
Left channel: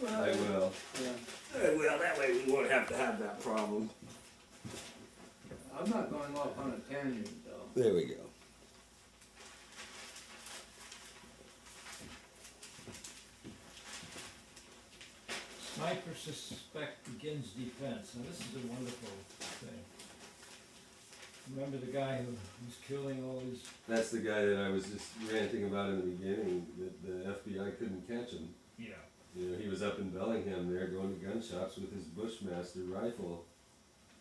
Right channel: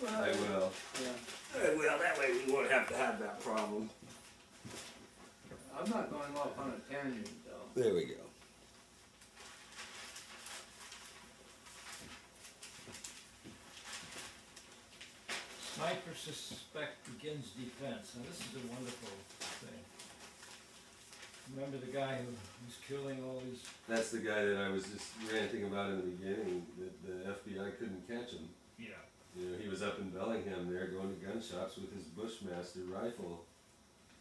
I will. Yeah. Well, that way we won't have to have that problem. I'm not going off on a tangent though. There we go. sniper suspect begins defense. Now, this is a wonderful thing. Remember the guy who was killing all these, That's the guy that I was just ranting about in the beginning, that the FBI couldn't catch him. yeah, You know, he was up in Bellingham there going to gun shops with his Bushmaster rifle,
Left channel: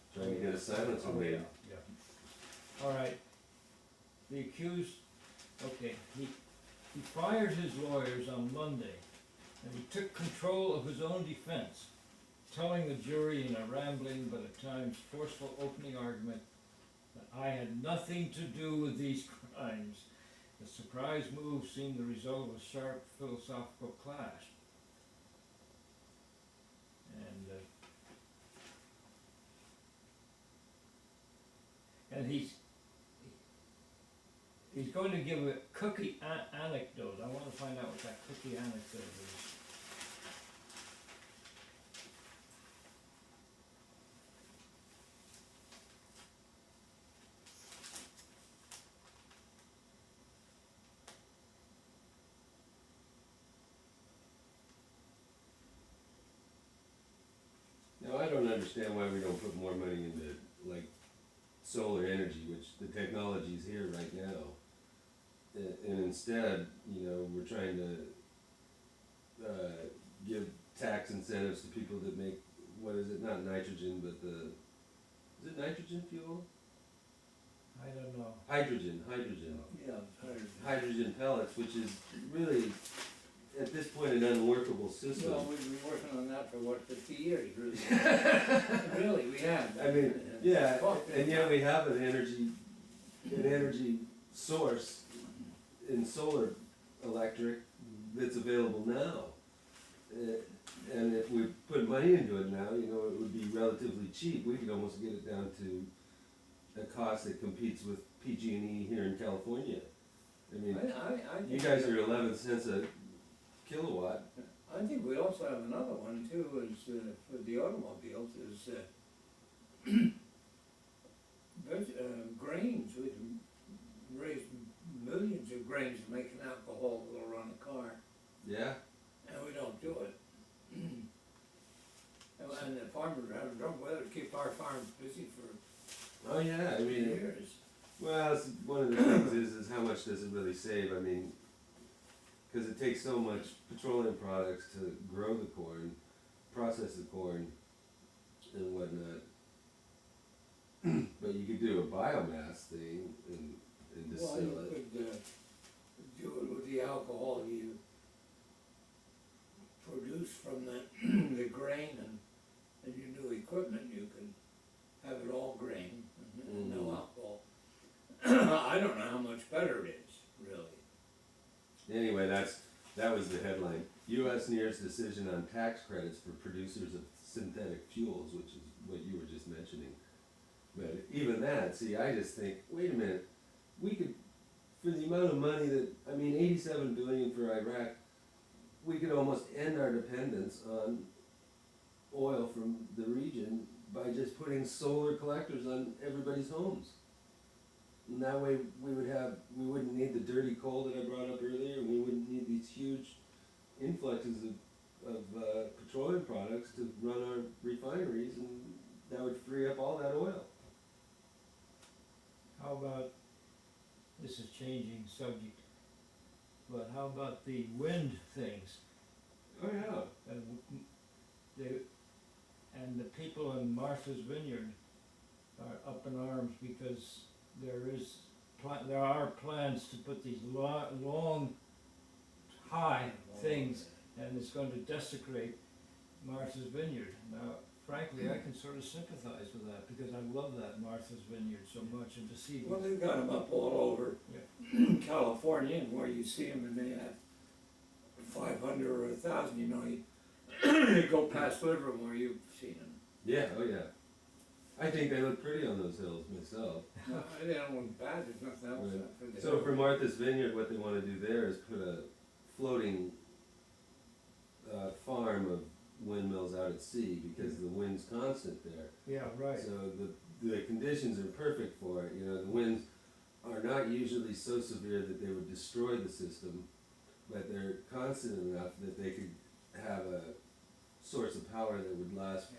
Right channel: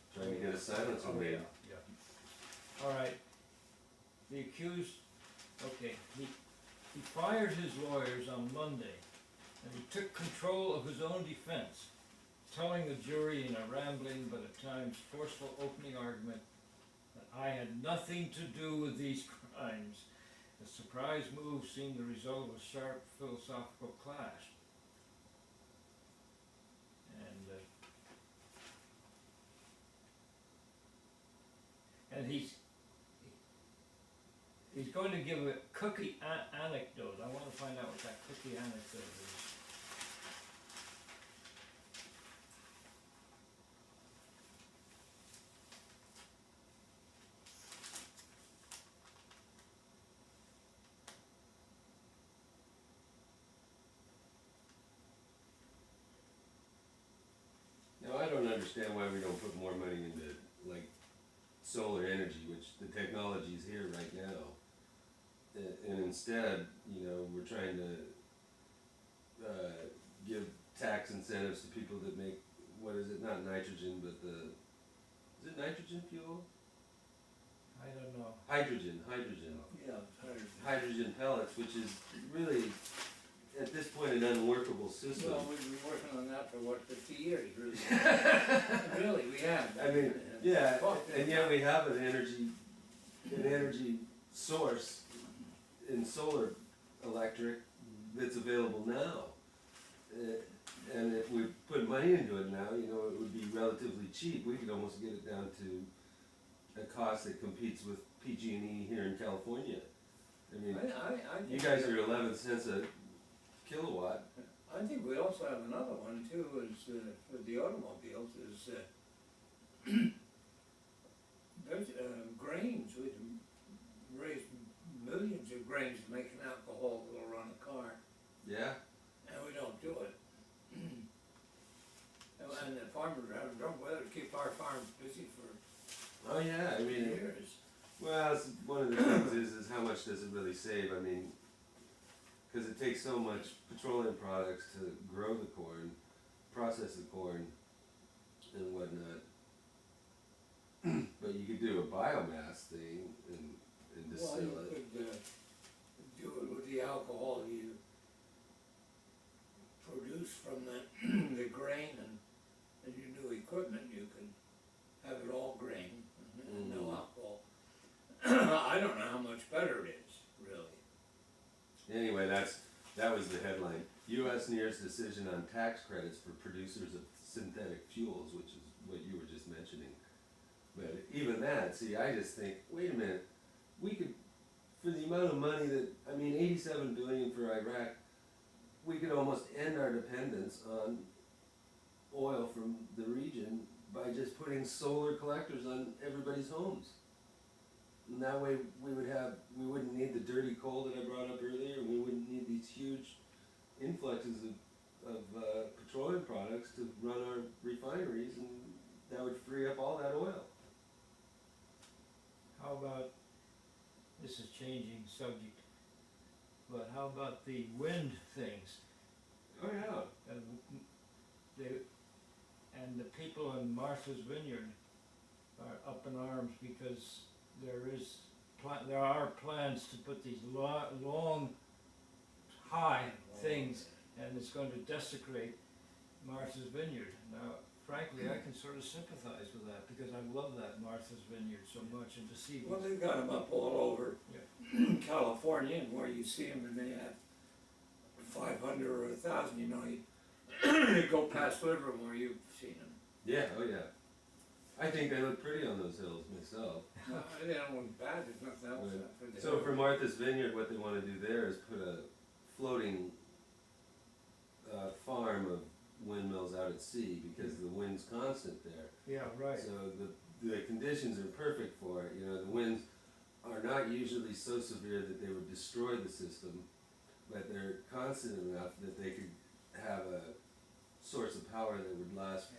trying to get a silencer oh, made. yeah. All right, the accused, okay, he fired his lawyers on Monday, and he took control of his own defense, telling the jury in a rambling but at times forceful opening argument that I had nothing to do with these crimes, The surprise move seemed the result of a sharp philosophical clash. And he's going to give a cookie anecdote. I want to find out what that cookie anecdote is. Now, I don't understand why we don't put more money into, like, solar energy, which the technology is here right now. And instead, you know, we're trying to give tax incentives to people that make, what is it, not nitrogen, but is it nitrogen fuel? I don't know. Hydrogen. Yeah, I'm tired. Hydrogen pellets, which is really, at this point, an unworkable system. Well, we've been working on that for what, 50 years, really? Really, we have. I mean, yeah, and yet we have an energy source in solar electric that's available now. And if we put money into it now, you know, it would be relatively cheap. We could almost get it down to a cost that competes with PG&E here in California. I mean, I you think guys are 11 cents a kilowatt. I think we also have another one too, is for the automobiles, is grains. We can raise millions of grains to make an alcohol that'll run a car, Yeah. and we don't do it. And the farmers are having trouble with it to keep our farms busy for Oh yeah. I mean, years. well, one of the things is how much does it really save? I mean, because it takes so much petroleum products to grow the corn, process the corn, and whatnot. But you could do a biomass thing and Well, distill you it. could do it with the alcohol you produce from the grain and your new equipment, you could have it all grain and no alcohol. I don't know how much better it is, really. Anyway, that was the headline. U.S. nears decision on tax credits for producers of synthetic fuels, which is what you were just mentioning. But even that, see, I just think, wait a minute, we could, for the amount of money that, I mean, $87 billion for Iraq, we could almost end our dependence on oil from the region by just putting solar collectors on everybody's homes. And that way we wouldn't need the dirty coal that I brought up earlier, and we wouldn't need these huge influxes of petroleum products to run our refineries, and that would free up all that oil. How about, this is changing subject, but how about the wind things? Oh yeah. And the people in Martha's Vineyard are up in arms because there are plans to put these long, high things, and it's going to desecrate Martha's Vineyard. Now, frankly, I can sort of sympathize with that because I love that Martha's Vineyard so much, and to see Well, they've got them up all over California, and where you see them, and they have 500 or 1,000. You know, you go past Livermore where you've seen them. Yeah. Oh yeah. I think they look pretty on those hills myself. No, they don't look bad. There's nothing else. Right. After the So for Martha's Vineyard, what they want to do there is put a floating farm of windmills out at sea because the wind's constant there. Yeah, right. So the conditions are perfect for it. You know, the winds are not usually so severe that they would destroy the system, but they're constant enough that they could have a source of power that would last,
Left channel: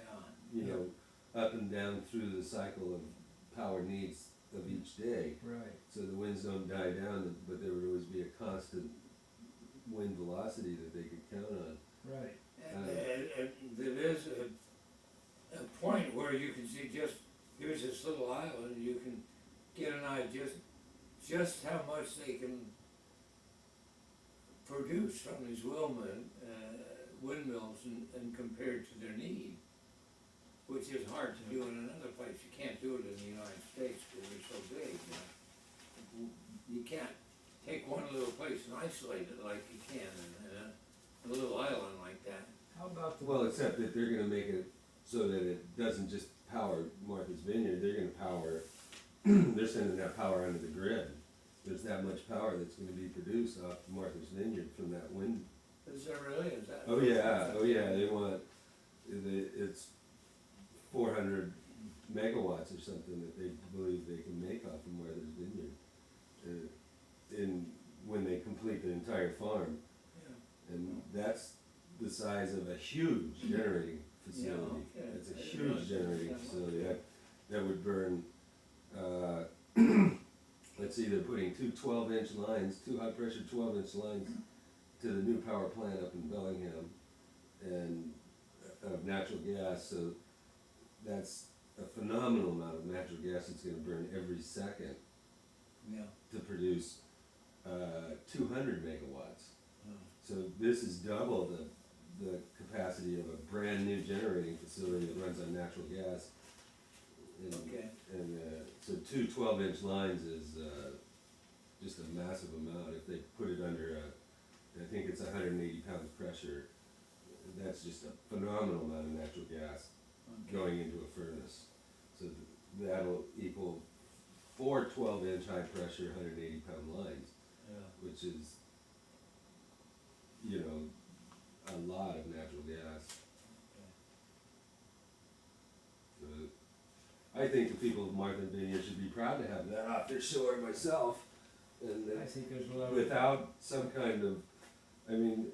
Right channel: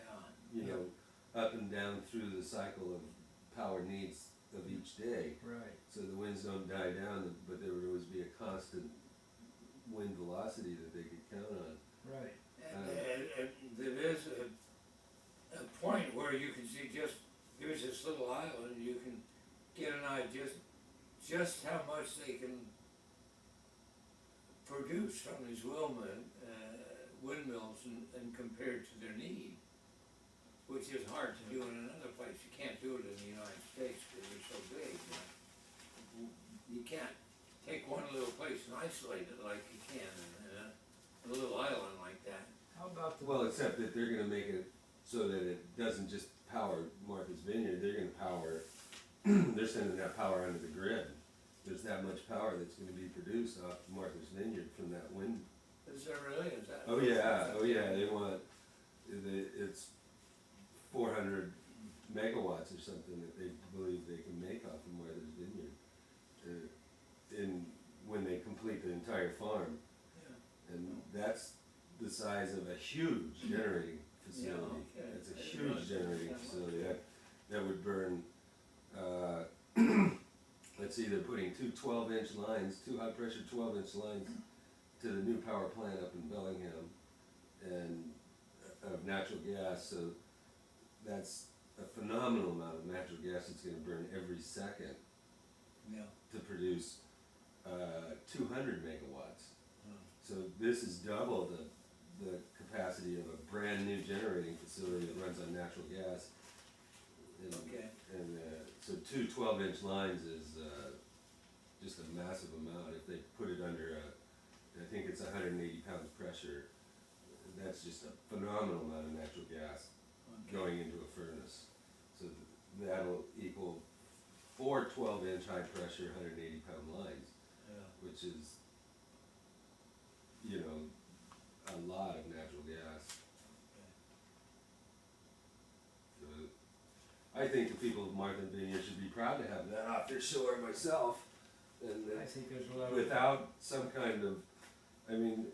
you know, up and down through the cycle of power needs of each day. Right. So the winds don't die down, but there would always be a constant wind velocity that they could count on. Right. And there is a point where you can see here's this little island, you can get an idea just how much they can produce from these windmills and compared to their need, which is hard to do in another place. You can't do it in the United States because they're so big. You can't take one isolate it like you can in a little island like that. How about the? Well, except that they're gonna make it so that it doesn't just power Martha's Vineyard, they're gonna power, they're sending that power onto the grid. There's that much power that's gonna be produced off Martha's Vineyard from that wind. Is there really, is that? Oh yeah, they want, it's 400 megawatts or something that they believe they can make off of Martha's Vineyard. When they complete the entire farm. Yeah. And that's the size of a huge generating facility. Yeah, okay. It's a I didn't huge realize generating that much. facility. That would burn, let's see, they're putting two 12-inch lines, two high-pressure 12-inch lines to the new power plant up in Bellingham, and of natural gas. So that's a phenomenal amount of natural gas that's gonna burn every second Yeah. to produce 200 megawatts. Oh. So this is double the capacity of a brand new generating facility that runs on natural gas. And, Okay. and so two 12-inch lines is just a massive amount. If they put it under I think it's 180 pounds pressure, that's just a phenomenal amount of natural gas Okay. going into a furnace. So that'll equal 4 12-inch high pressure 180 pound lines, Yeah. which is, you know, a lot of natural gas. Okay. So I think the people of Martha's Vineyard should be proud to have that off their shore myself. And I think there's a lot of. without some kind of, I mean,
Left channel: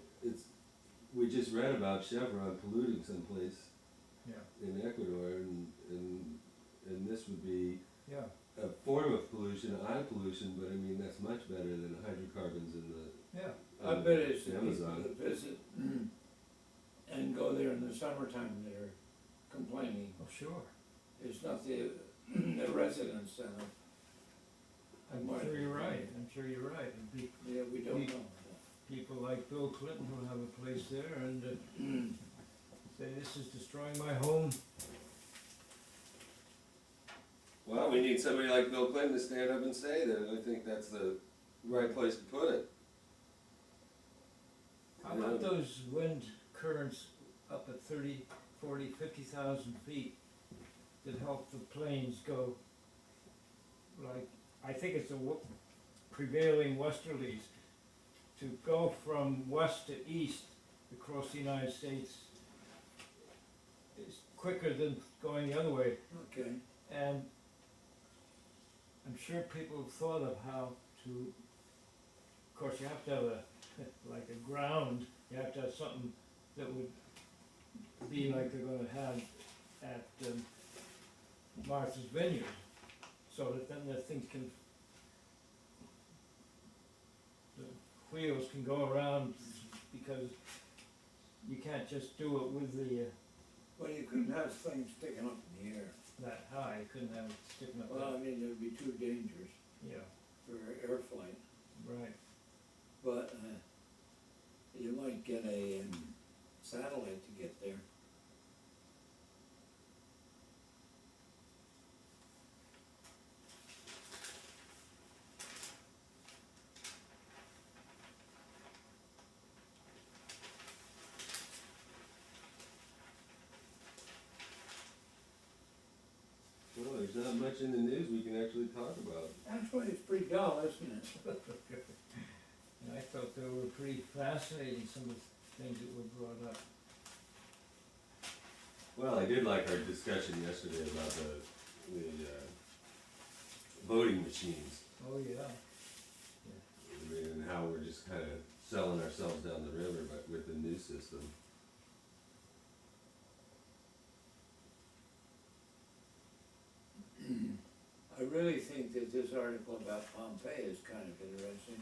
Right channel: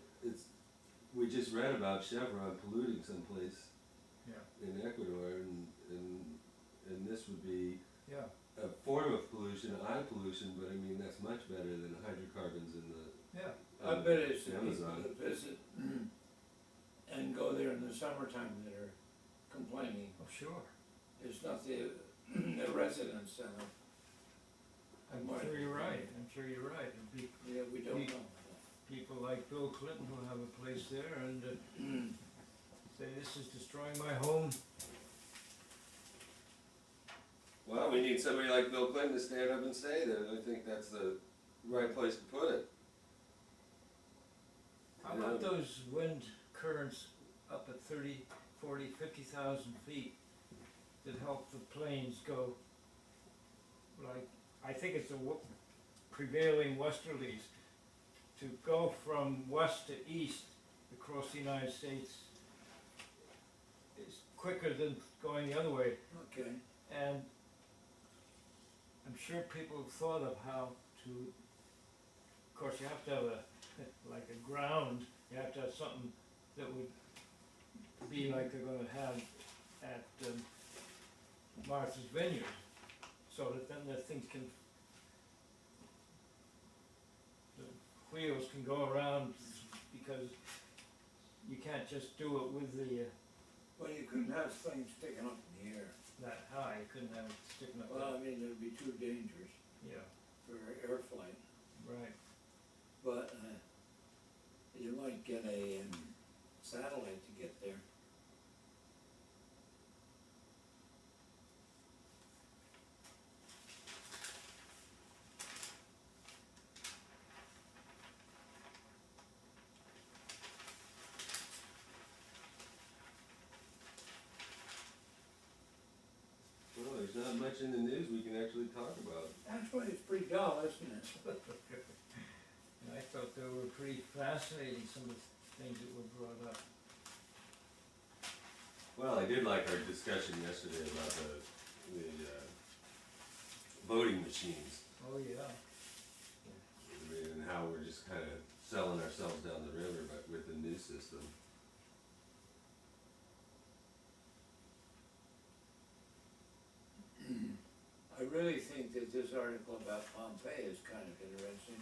we just read about Chevron polluting someplace Yeah, in Ecuador, and this would be yeah, a form of pollution, eye pollution, but I mean, that's much better than hydrocarbons in the yeah. I bet it's the people Amazon. that visit and go there in the summertime that are complaining. Oh, sure. It's not the residents of I'm Martha's sure you're right. Vineyard. I'm sure you're right. And Yeah, we don't know. people like Bill Clinton who have a place there and say this is destroying my home. Well, we need somebody like Bill Clinton to stand up and say that. I think that's the right place to put it. How about those wind currents up at 30, 40, 50,000 feet that help the planes go, like, I think it's the prevailing westerlies, to go from west to east across the United States is quicker than going the other way. Okay. And I'm sure people have thought of how to, of course, you have to have like a ground, you have to have something that would be like they're gonna have at Martha's Vineyard, so that then the things can, the wheels can go around, because you can't just do it with the, Well, you couldn't have things sticking up in the air. that high, you couldn't have it sticking up Well, I there. mean, it would be too dangerous Yeah, for air flight. right. But you might get a satellite to get there. Well, there's not much in the news we can actually talk about. Actually, it's pretty dull, isn't it? And I thought they were pretty fascinating, some of the things that were brought up. Well, I did like our discussion yesterday about the voting machines. Oh, yeah. I mean, and how we're just kind of selling ourselves down the river, but with the new system. I really think that this article about Pompeii is kind of interesting.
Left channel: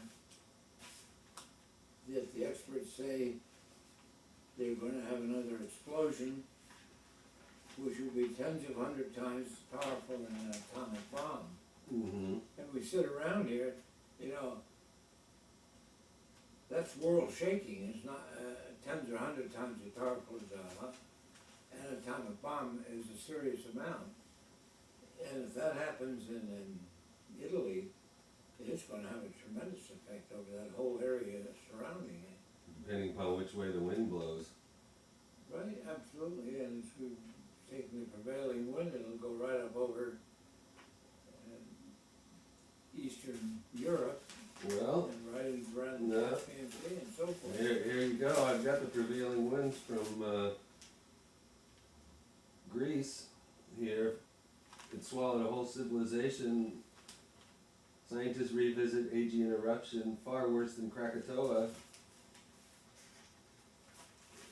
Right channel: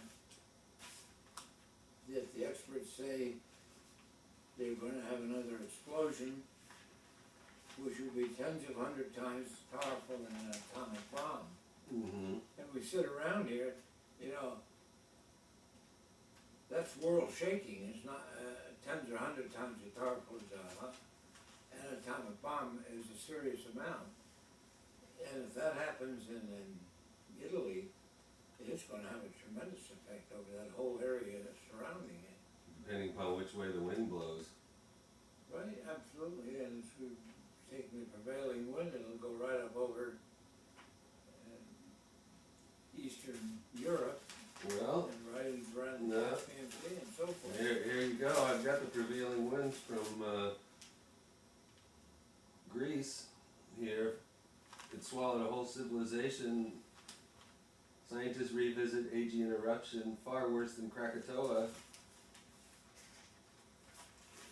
That the experts say they're gonna have another explosion, which will be tens of 100 times as powerful than an atomic bomb. Mm-hmm. And we sit around here, you know, that's world shaking. It's not tens or 100 times as powerful as an atomic bomb is a serious amount. And if that happens in Italy, it's going to have a tremendous effect over that whole area the prevailing wind, it'll go right up over Eastern Europe Well, and right around the no. Caspian Sea and so forth. here you go. I've got the prevailing winds from Greece here. It swallowed a whole civilization. Scientists revisit Aegean eruption, far worse than Krakatoa.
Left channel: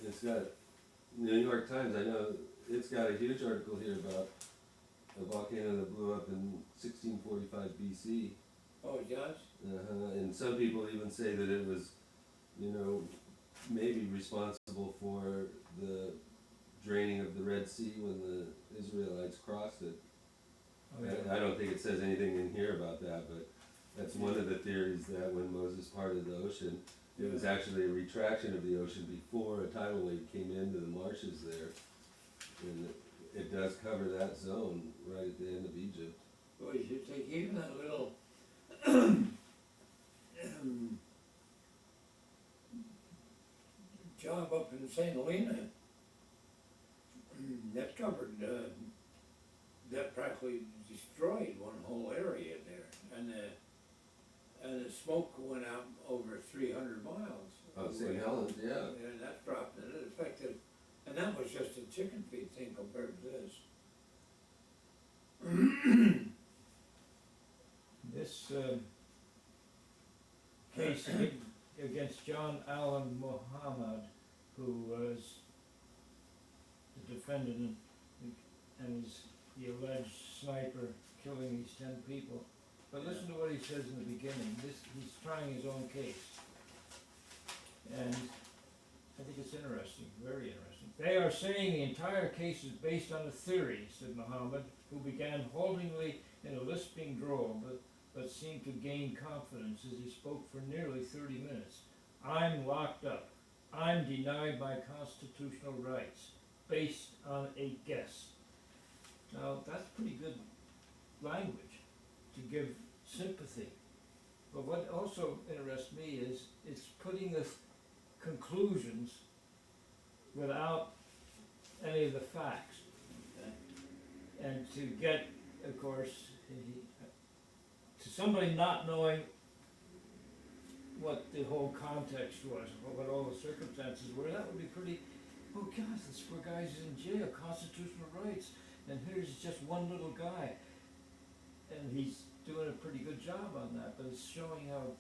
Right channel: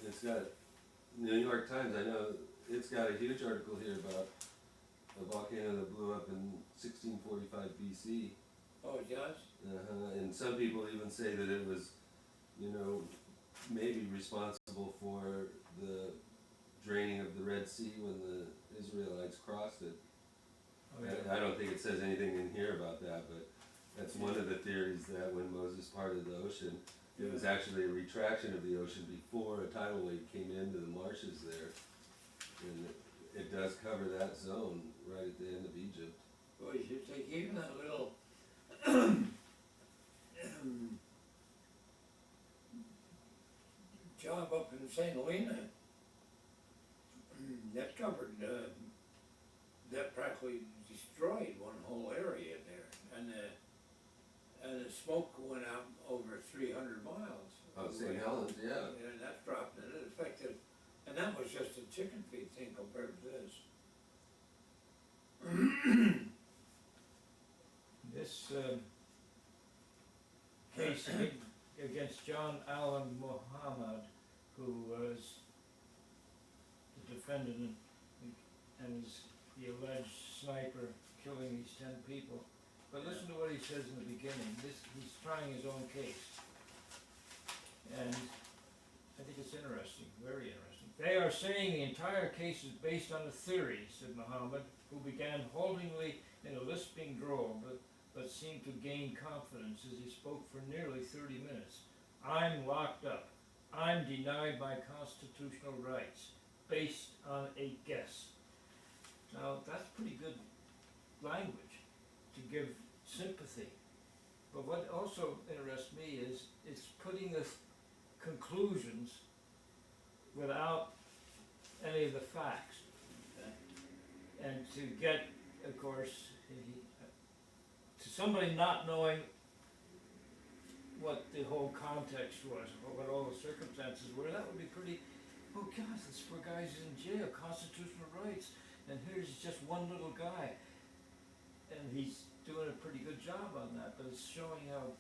It's got New York Times. I know it's got a huge article here about a volcano that blew up in 1645 BC. Oh, it does? And some people even say that it was, maybe responsible for the draining of the Red Sea when the Israelites crossed it. Oh, yeah. I don't think it says anything in here about that, but that's one of the theories, that when Moses parted the ocean, it was actually a retraction of the ocean before a tidal wave came into the marshes there. And it does cover that zone right at the end of Egypt. Boy, you should take even that little job up in St. Helena. That covered, that practically destroyed one whole area there, and the smoke went out over 300 miles. Oh, St. Helens, yeah. And that dropped, and it affected, and that was just a chicken feed thing compared to this. This case against John Allen Muhammad, who was the defendant and is the alleged sniper killing these 10 people. But listen to what he says in the beginning. He's trying his own case. And I think it's interesting, very interesting. They are saying the entire case is based on a theory, said Muhammad, who began haltingly in a lisping drawl, but seemed to gain confidence as he spoke for nearly 30 minutes. I'm locked up. I'm denied my constitutional rights, based on a guess. Now, that's pretty good language to give sympathy. But what also interests me is it's putting the conclusions without any of the facts. And to get, of course, to somebody not knowing what the whole context was, or what all the circumstances were, that would be pretty, oh God, this poor guy's in jail, constitutional rights, and here's just one little guy. And he's doing a pretty good job on that, but it's showing how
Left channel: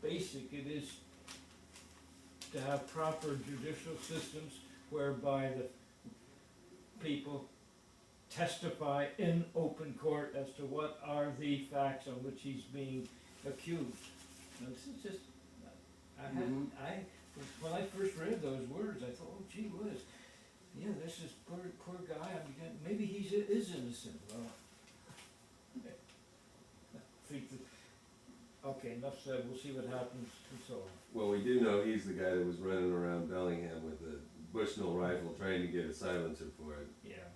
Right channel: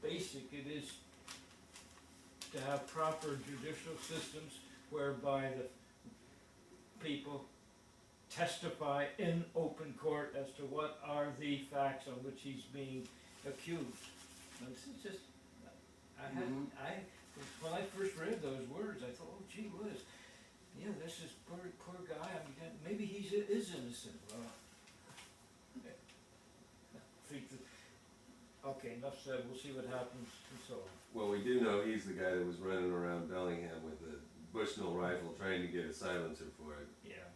basic it is to have proper judicial systems whereby the people testify in open court as to what are the facts on which he's being accused. Now, this is just, when I first read those words, I thought, oh gee whiz, yeah, this is poor guy, I mean, maybe he is innocent. Well, okay, enough said, we'll see what happens and so on. Well, we do know he's the guy that was running around Bellingham with a Bushnell rifle trying to get a silencer for it. Yeah,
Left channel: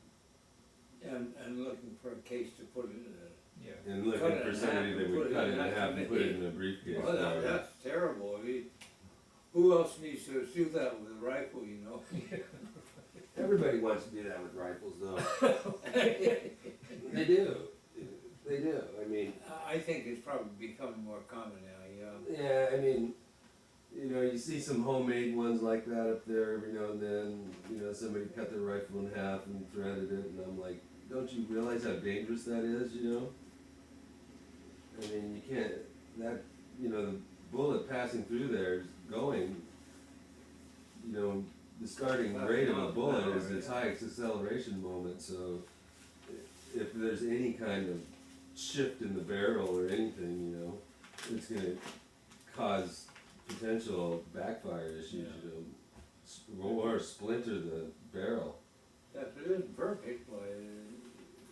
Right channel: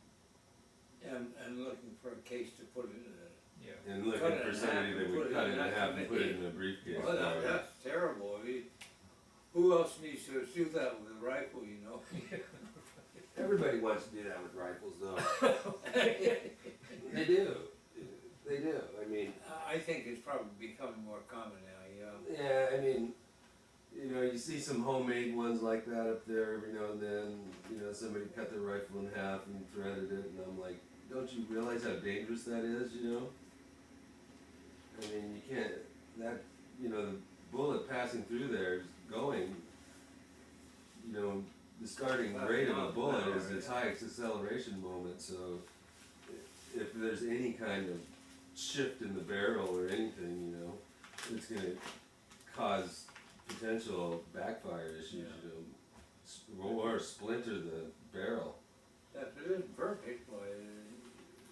And looking for a case to put it in yeah. And looking for somebody that would cut it in half and put it in a briefcase. Well, that's terrible. I mean, who else needs to do that with a rifle, you know? Everybody wants to do that with rifles, though. They do. They do. I mean, I think it's probably becoming more common now, yeah. yeah, I mean, you see some homemade ones like that up there every now and then. Somebody cut their rifle in half and threaded it, and I'm like, don't you realize how dangerous that is, I mean, you can't, the bullet passing through there is going, the starting rate of a bullet is its highest acceleration moment, so if there's any kind of shift in the barrel or anything, it's gonna cause potential backfire issues, or splinter the barrel. That isn't perfect, but,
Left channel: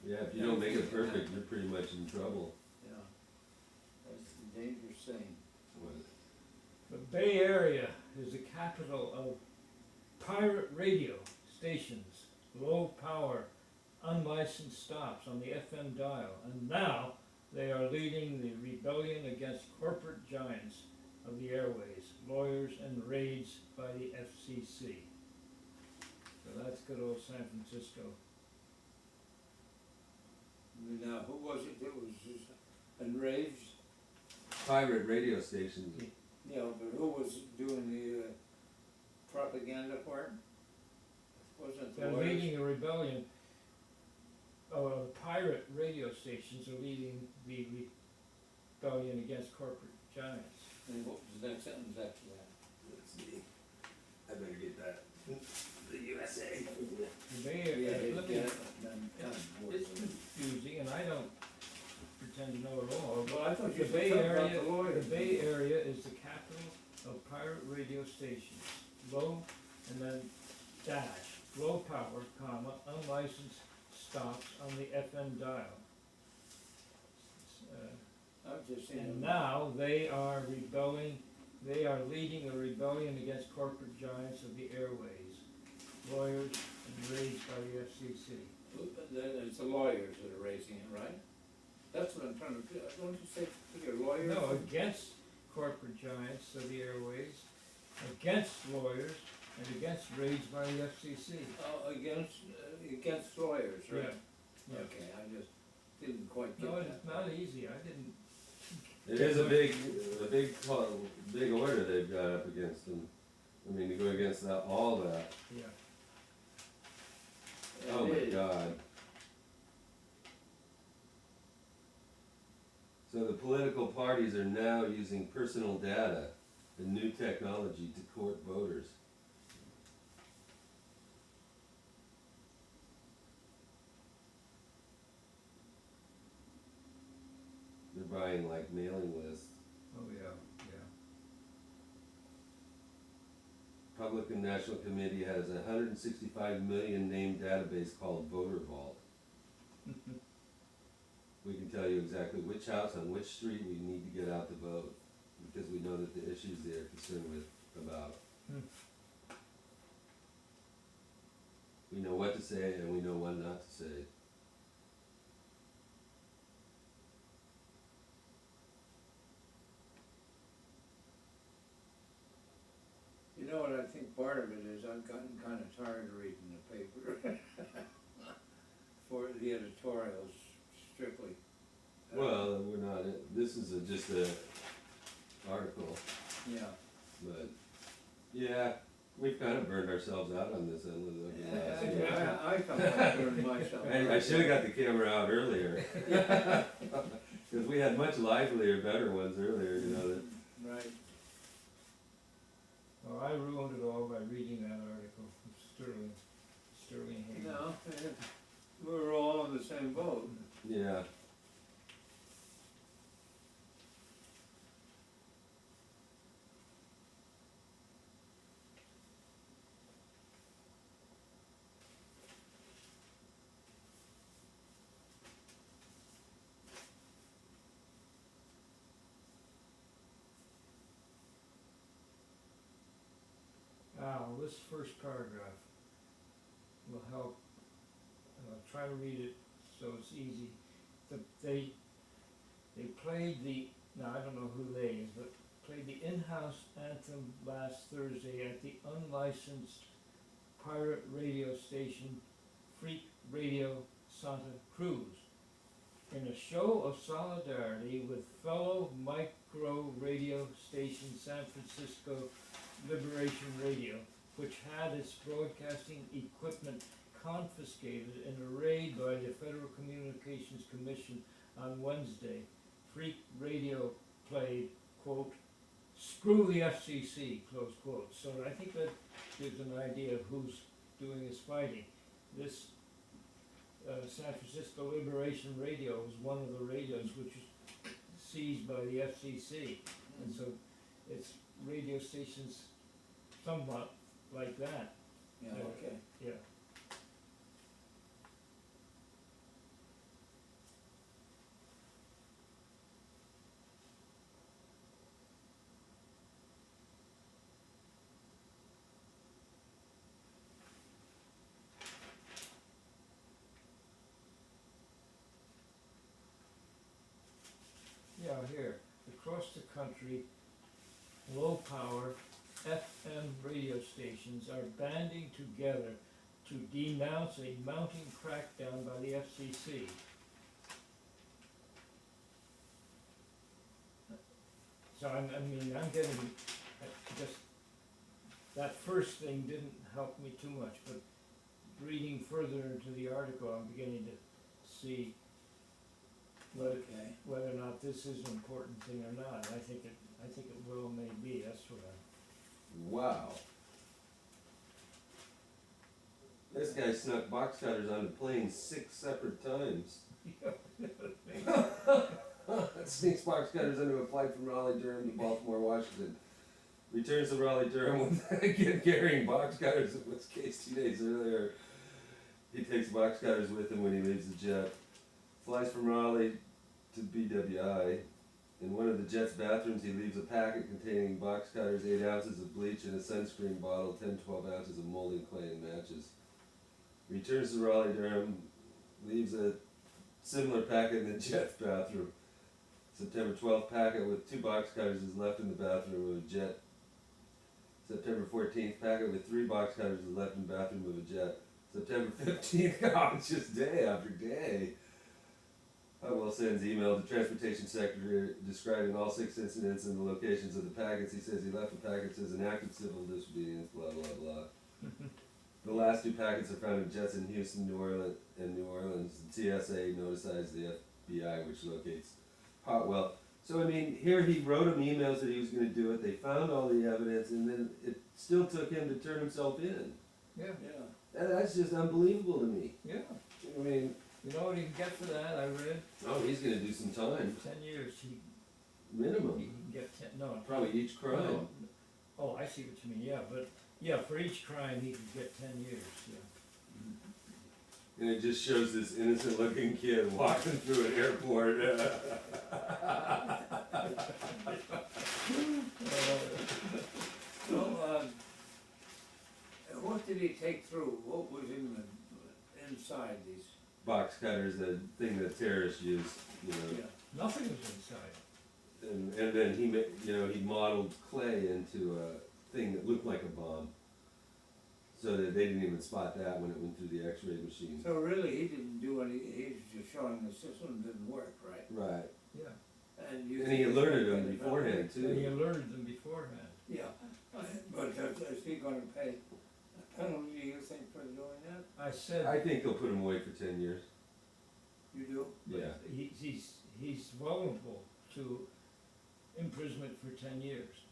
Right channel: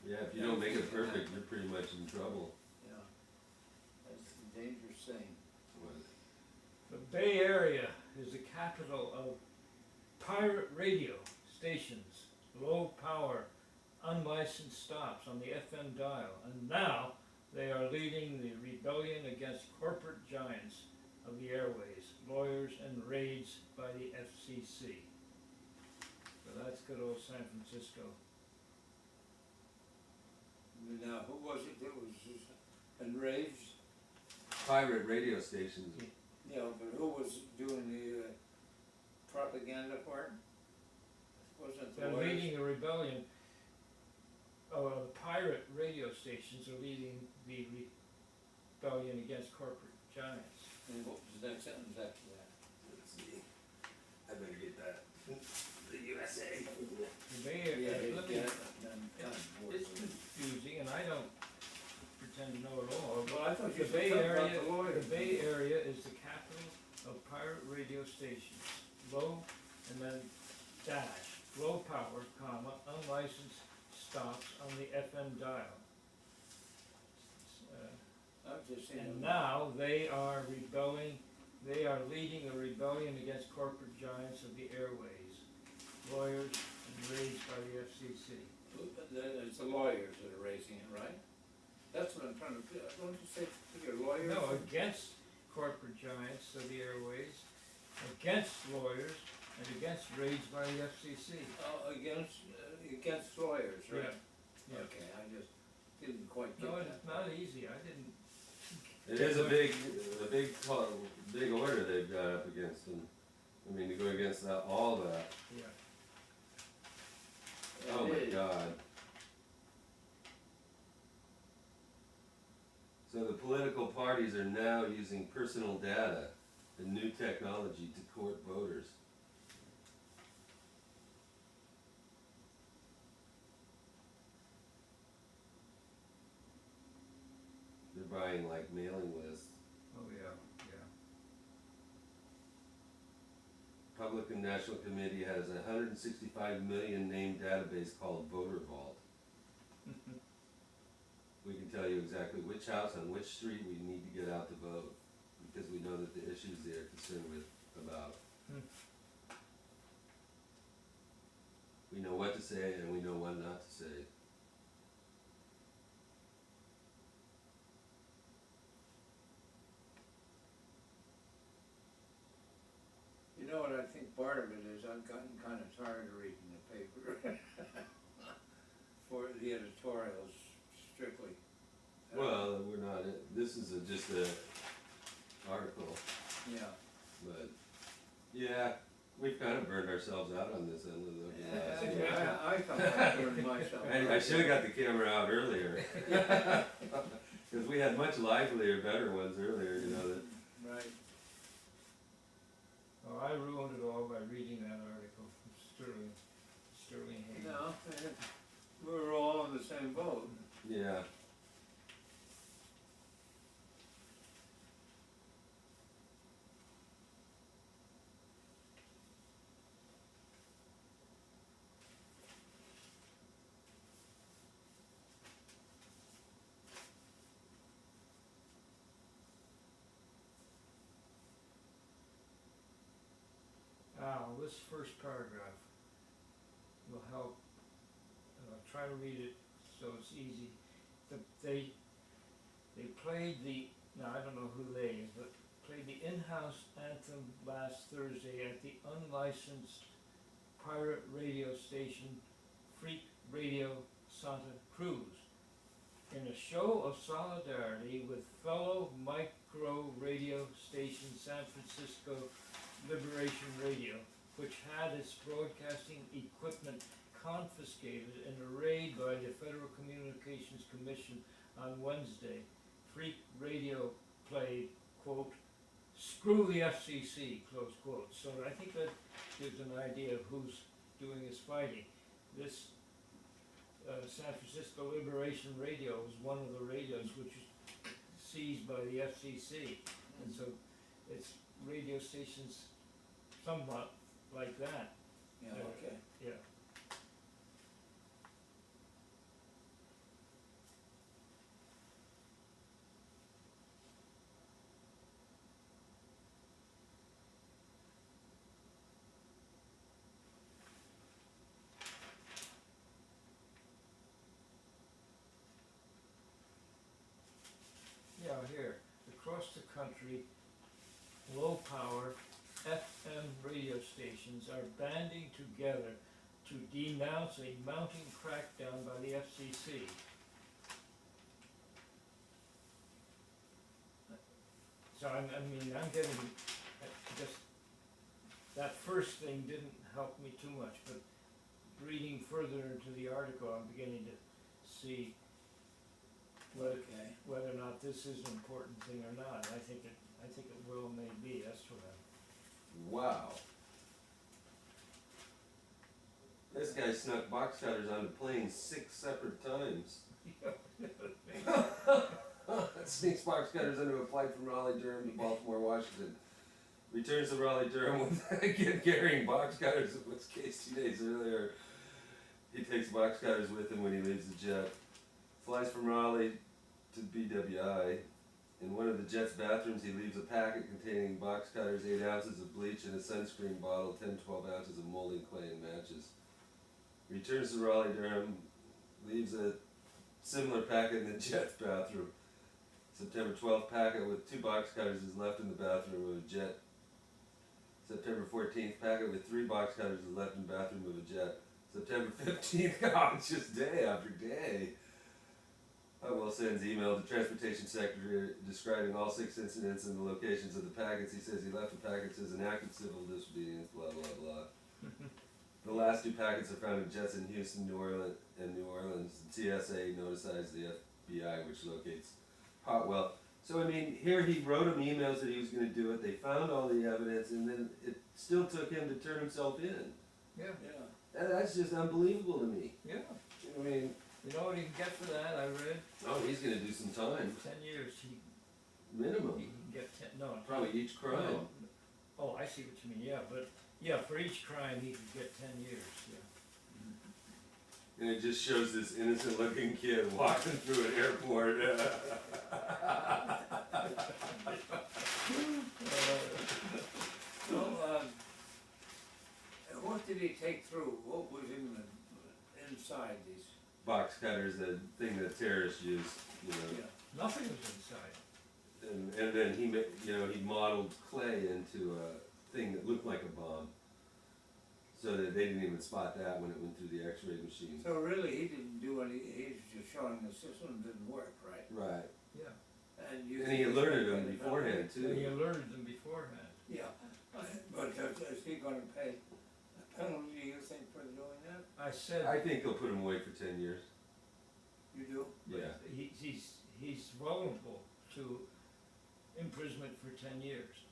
Yeah, if you don't make it perfect, you're pretty much in trouble. yeah, that's a dangerous thing. The Bay Area is the capital of pirate radio stations, low power, unlicensed stops on the FM dial, and now they are leading the rebellion against corporate giants of the airways, lawyers, and raids by the FCC. So that's good old San Francisco. and raged, Pirate radio stations. you know, but who was doing the propaganda part? Wasn't the They're lawyers? leading a rebellion. The pirate radio stations are leading the rebellion against corporate giants. And what was the next sentence after that? Let's see. I better get that. The USA. The Bay Area, let me- it's confusing, and I don't pretend to know it all. Well, I thought you The said Bay something about Area, the lawyers. the Bay Area is the capital of pirate radio stations. Low and then dash, low power, comma, unlicensed stops on the FM dial. I've just seen And them. now they are rebelling, they are leading a rebellion against corporate giants of the airways, lawyers and raised by the FCC. It's the lawyers that are raising it, right? That's what I'm trying to do. Don't you say your lawyers? No, against corporate giants of the airways, against lawyers, and against raids by the FCC. Oh, against lawyers, right? Yeah. Okay, I just didn't quite get No, that. it's not easy, I didn't, It is a big order they've got up against them. I mean, to go against all that. yeah. Oh It my is. God. So the political parties are now using personal data and new technology to court voters. They're buying like mailing lists. Oh, yeah, yeah. Republican National Committee has a 165 million name database called Voter Vault. We can tell you exactly which house on which street we need to get out to vote, because we know that the issues they're concerned about. We know what to say and we know what not to say. You know what I think part of it is, I've gotten kind of tired of reading the paper for the editorials strictly. Well, we're not, this is just a article, Yeah. but yeah, we've kind of burned ourselves out on this end of the last year. I felt like doing myself. I should've got the camera out earlier. Cause we had much livelier, better ones earlier, you know, that, Right. Well, I ruined it all by reading that article from Sterling Hayden. No, we're all in the same boat. yeah. This first paragraph will help, try to read it so it's easy. They played now I don't know who they is, but played the in-house anthem last Thursday at the unlicensed pirate radio station Freak Radio Santa Cruz in a show of solidarity with fellow micro radio station San Francisco Liberation Radio, which had its broadcasting equipment confiscated in a raid by the Federal Communications Commission on Wednesday. Freak Radio played, quote, "Screw the FCC," close quote. So I think that gives an idea of who's doing this fighting. This San Francisco Liberation Radio was one of the radios which was seized by the FCC. And so it's radio stations somewhat like that. Yeah, okay. Yeah. Yeah, here, across the country, low power FM radio stations are banding together to denounce a mounting crackdown by the FCC. So I'm getting, just, that first thing didn't help me too much, but reading further into the article, I'm beginning to see Okay. whether or not this is an important thing or not. I think it will, may be, that's what I'm. Wow. This guy snuck box cutters onto planes 6 separate times. Sneaks box cutters into a flight from Raleigh, Durham to Baltimore, Washington. Returns to Raleigh, Durham with again carrying box cutters in which case 2 days earlier. He takes box cutters with him when he leaves the jet. Flies from Raleigh to BWI. In one of the jet's bathrooms, he leaves a packet containing box cutters, 8 ounces of bleach, and a sunscreen bottle, 10-12 ounces of molding clay and matches. Returns to Raleigh, Durham, leaves a similar packet in the jet's bathroom. September 12th packet with 2 box cutters is left in the bathroom of a jet. September 14th packet with 3 box cutters is left in the bathroom of a jet. September 15th, oh, it's just day after day. Hutwell sends email to Transportation Secretary describing all 6 incidents and the locations of the packets. He says he left the packets as an act of civil disobedience, blah, blah, blah. The last 2 packets are found in jets in Houston, New Orleans. The TSA notifies the FBI, which locates Hotwell. So, I mean, here he wrote him emails that he was going to do it. They found all the evidence, and then it still took him to turn himself in. Yeah, Yeah. That's just unbelievable to me. yeah. I mean, You know what he can get for that, I read? oh, he's going to do some time. 10 years, he Minimum. can get 10, no. Probably each crime. Oh, I see what you mean, yeah, but, yeah, for each crime, he can get 10 years, yeah. And it just shows this innocent looking kid walking through an airport. So, what did he take through? What was in the, inside these? Box cutters, the thing that terrorists use, you know. Yeah. Nothing was inside. And then he modeled clay into a thing that looked like a bomb. So that they didn't even spot that when it went through the x-ray machine. So really, he didn't do any, he's just showing the system didn't work, right? Right. Yeah. And And he alerted them beforehand And he too. alerted them beforehand. Yeah, but is he gonna pay a penalty, you think, for doing that? I said, I think they'll put him away for 10 years. You do? Yeah. he's vulnerable to imprisonment for 10 years.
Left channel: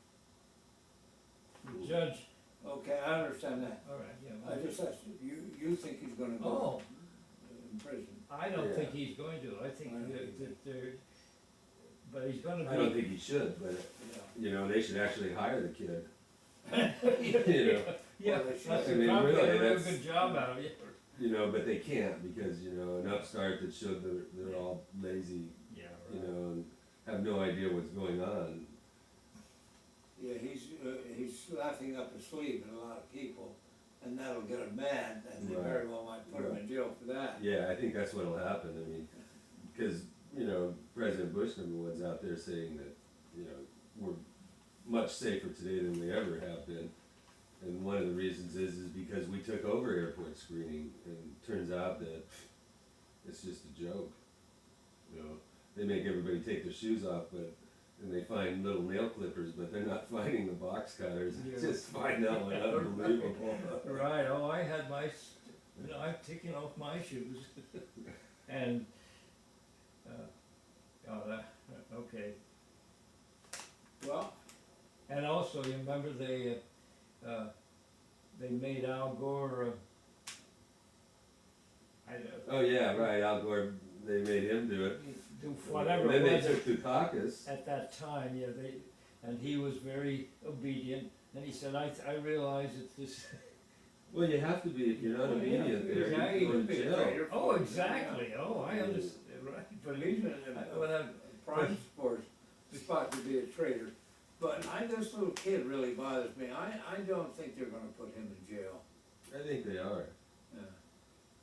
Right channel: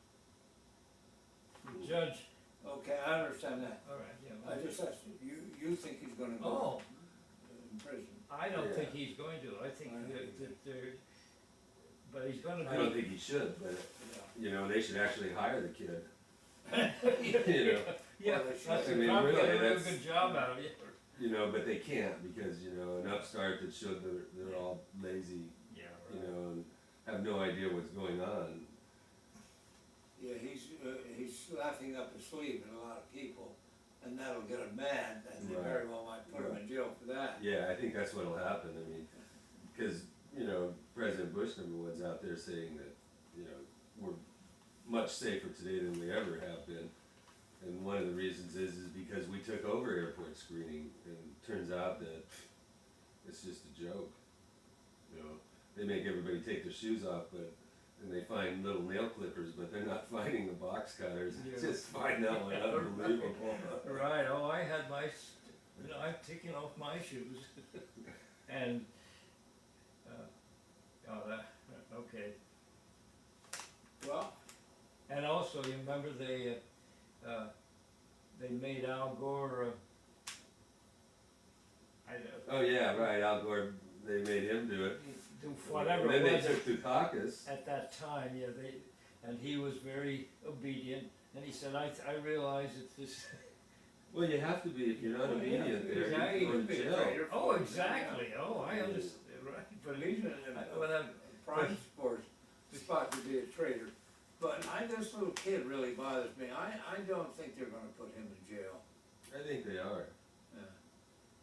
The judge, Okay, I understand that. all right, yeah. I just asked you think he's gonna Oh, go in prison? I don't Yeah. think he's going to, I think that there, but he's gonna I don't be, think he should, but Yeah. you know, they should actually hire the kid. You know. yeah, Well, they should. that's I a mean, probably really, a real that's- good job out of it. You know, but they can't because, you know, an upstart that showed they're all lazy, Yeah, you know, and have no idea what's going on. Yeah, he's laughing up his sleeve at a lot of people, and that'll get him mad, and they very well might put him in jail for that. Yeah, I think that's what'll happen. I mean, because, you know, President Bush #1's out there saying that, you know, we're much safer today than we ever have been. And one of the reasons is because we took over airport screening, and turns out that it's just a joke. You know, they make everybody take their shoes off, and they find little nail clippers, but they're not finding the box cutters. Yeah. Just find that one unbelievable. Right, oh, I had my, I'm taking off my shoes, and, okay. Well, And also, you remember they made Al Gore, Oh yeah, right. Al Gore, they made him do it. do whatever And then it they was took Dukakis. at that time, yeah, and he was very obedient, and he said, I realize that this, Well, you have to be if you're not Oh, yeah, obedient there. exactly. You go to jail. oh, exactly, oh, I understand, right, but he's in when a prime sports spot to be a traitor. But this little kid really bothers me. I don't think they're gonna put him in jail. I think they are. Yeah.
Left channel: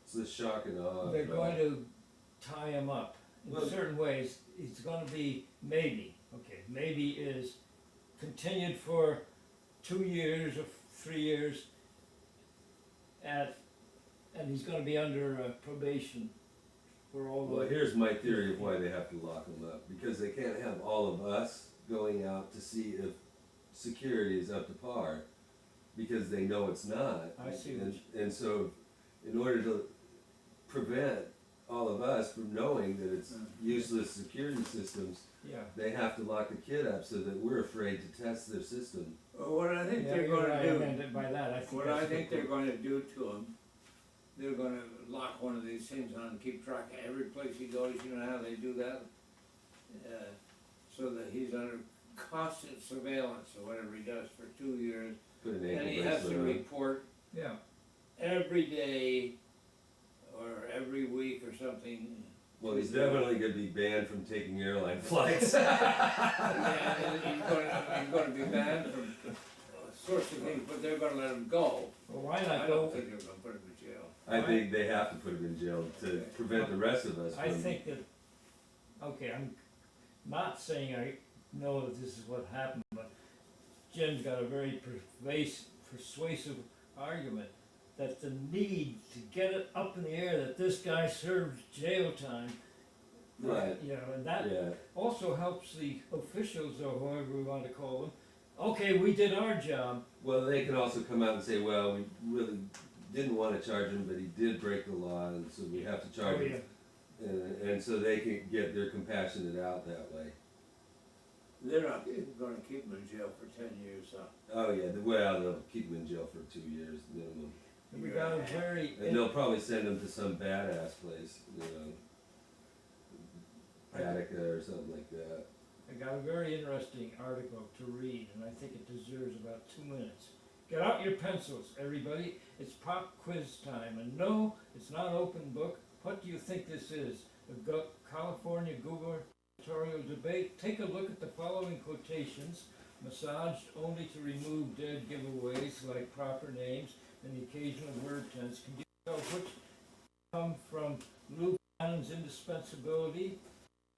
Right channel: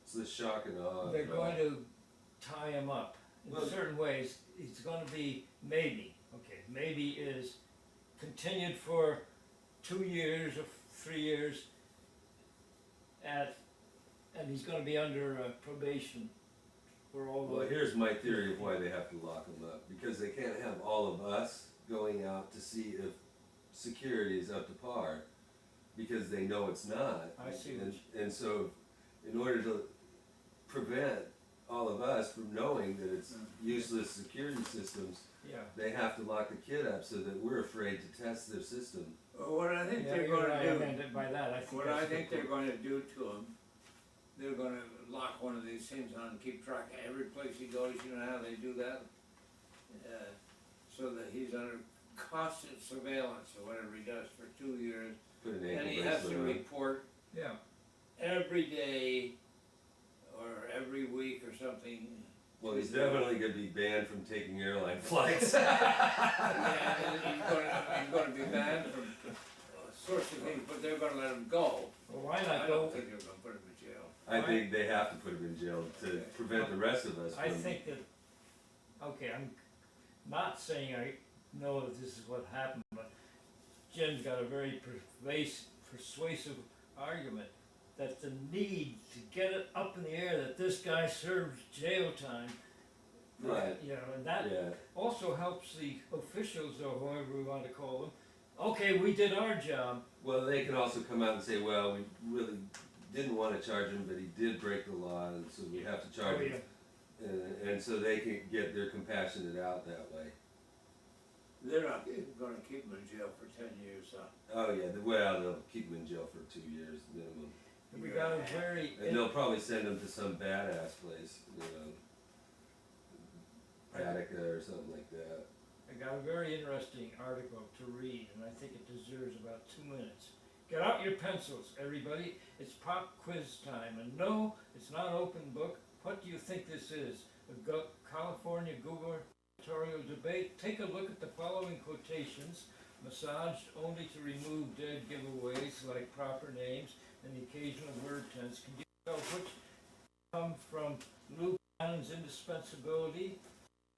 It's the shock and awe. they're going to tie him up in Well- certain ways. It's going to be maybe is continued for 2 years or 3 years and he's going to be under probation for all Well, the. here's my theory of why they have to lock him up. Because they can't have all of us going out to security is up to par, because they know it's not. I see what And so, in order to prevent all of us from knowing that it's useless security systems, Yeah. they have to lock the kid up so that we're afraid to test their system. Well, what I think Yeah, they're you're gonna right, do, I meant it by that, I think what that's I a think good they're point. gonna do to him, they're gonna lock one of these things on, and keep track of every place he goes, you know how they do that? So that he's under constant surveillance or whatever he does for 2 years, Put an and ankle he has to bracelet on. report Yeah, every day or every week or something. Well, he's definitely gonna be banned from taking airline flights. Yeah, and he's gonna be banned from all sorts of things, but they're gonna let him go. well, why I not go, don't think they're gonna put him in jail. I think they have to put him in jail to prevent the rest of us I from. think that, okay, I'm not saying I know that this is what happened, but Jim's got a very persuasive argument that the need to get it up in the air that this guy served jail time. Right. You know, and that Yeah, also helps the officials, or whoever we want to call them. Okay, we did our job. well, they can also come out and say, well, we really didn't wanna charge him, but he did break the law, and so we have to charge Oh, him. And so they can get their compassionate out that way. They're not gonna keep him in jail for 10 years, so. Oh yeah, well, they'll keep him in jail for 2 years minimum. We got a very, And they'll probably send him to some badass place, you know, Attica or something like that. I got a very interesting article to read, and I think it deserves about 2 minutes. Get out your pencils, everybody. It's pop quiz time. And no, it's not open book. What do you think this is? The California gubernatorial debate? Take a look at the following quotations. Massaged only to remove dead giveaways like proper names and the occasional word tense. Can you tell which come from Lou Bannon's indispensability?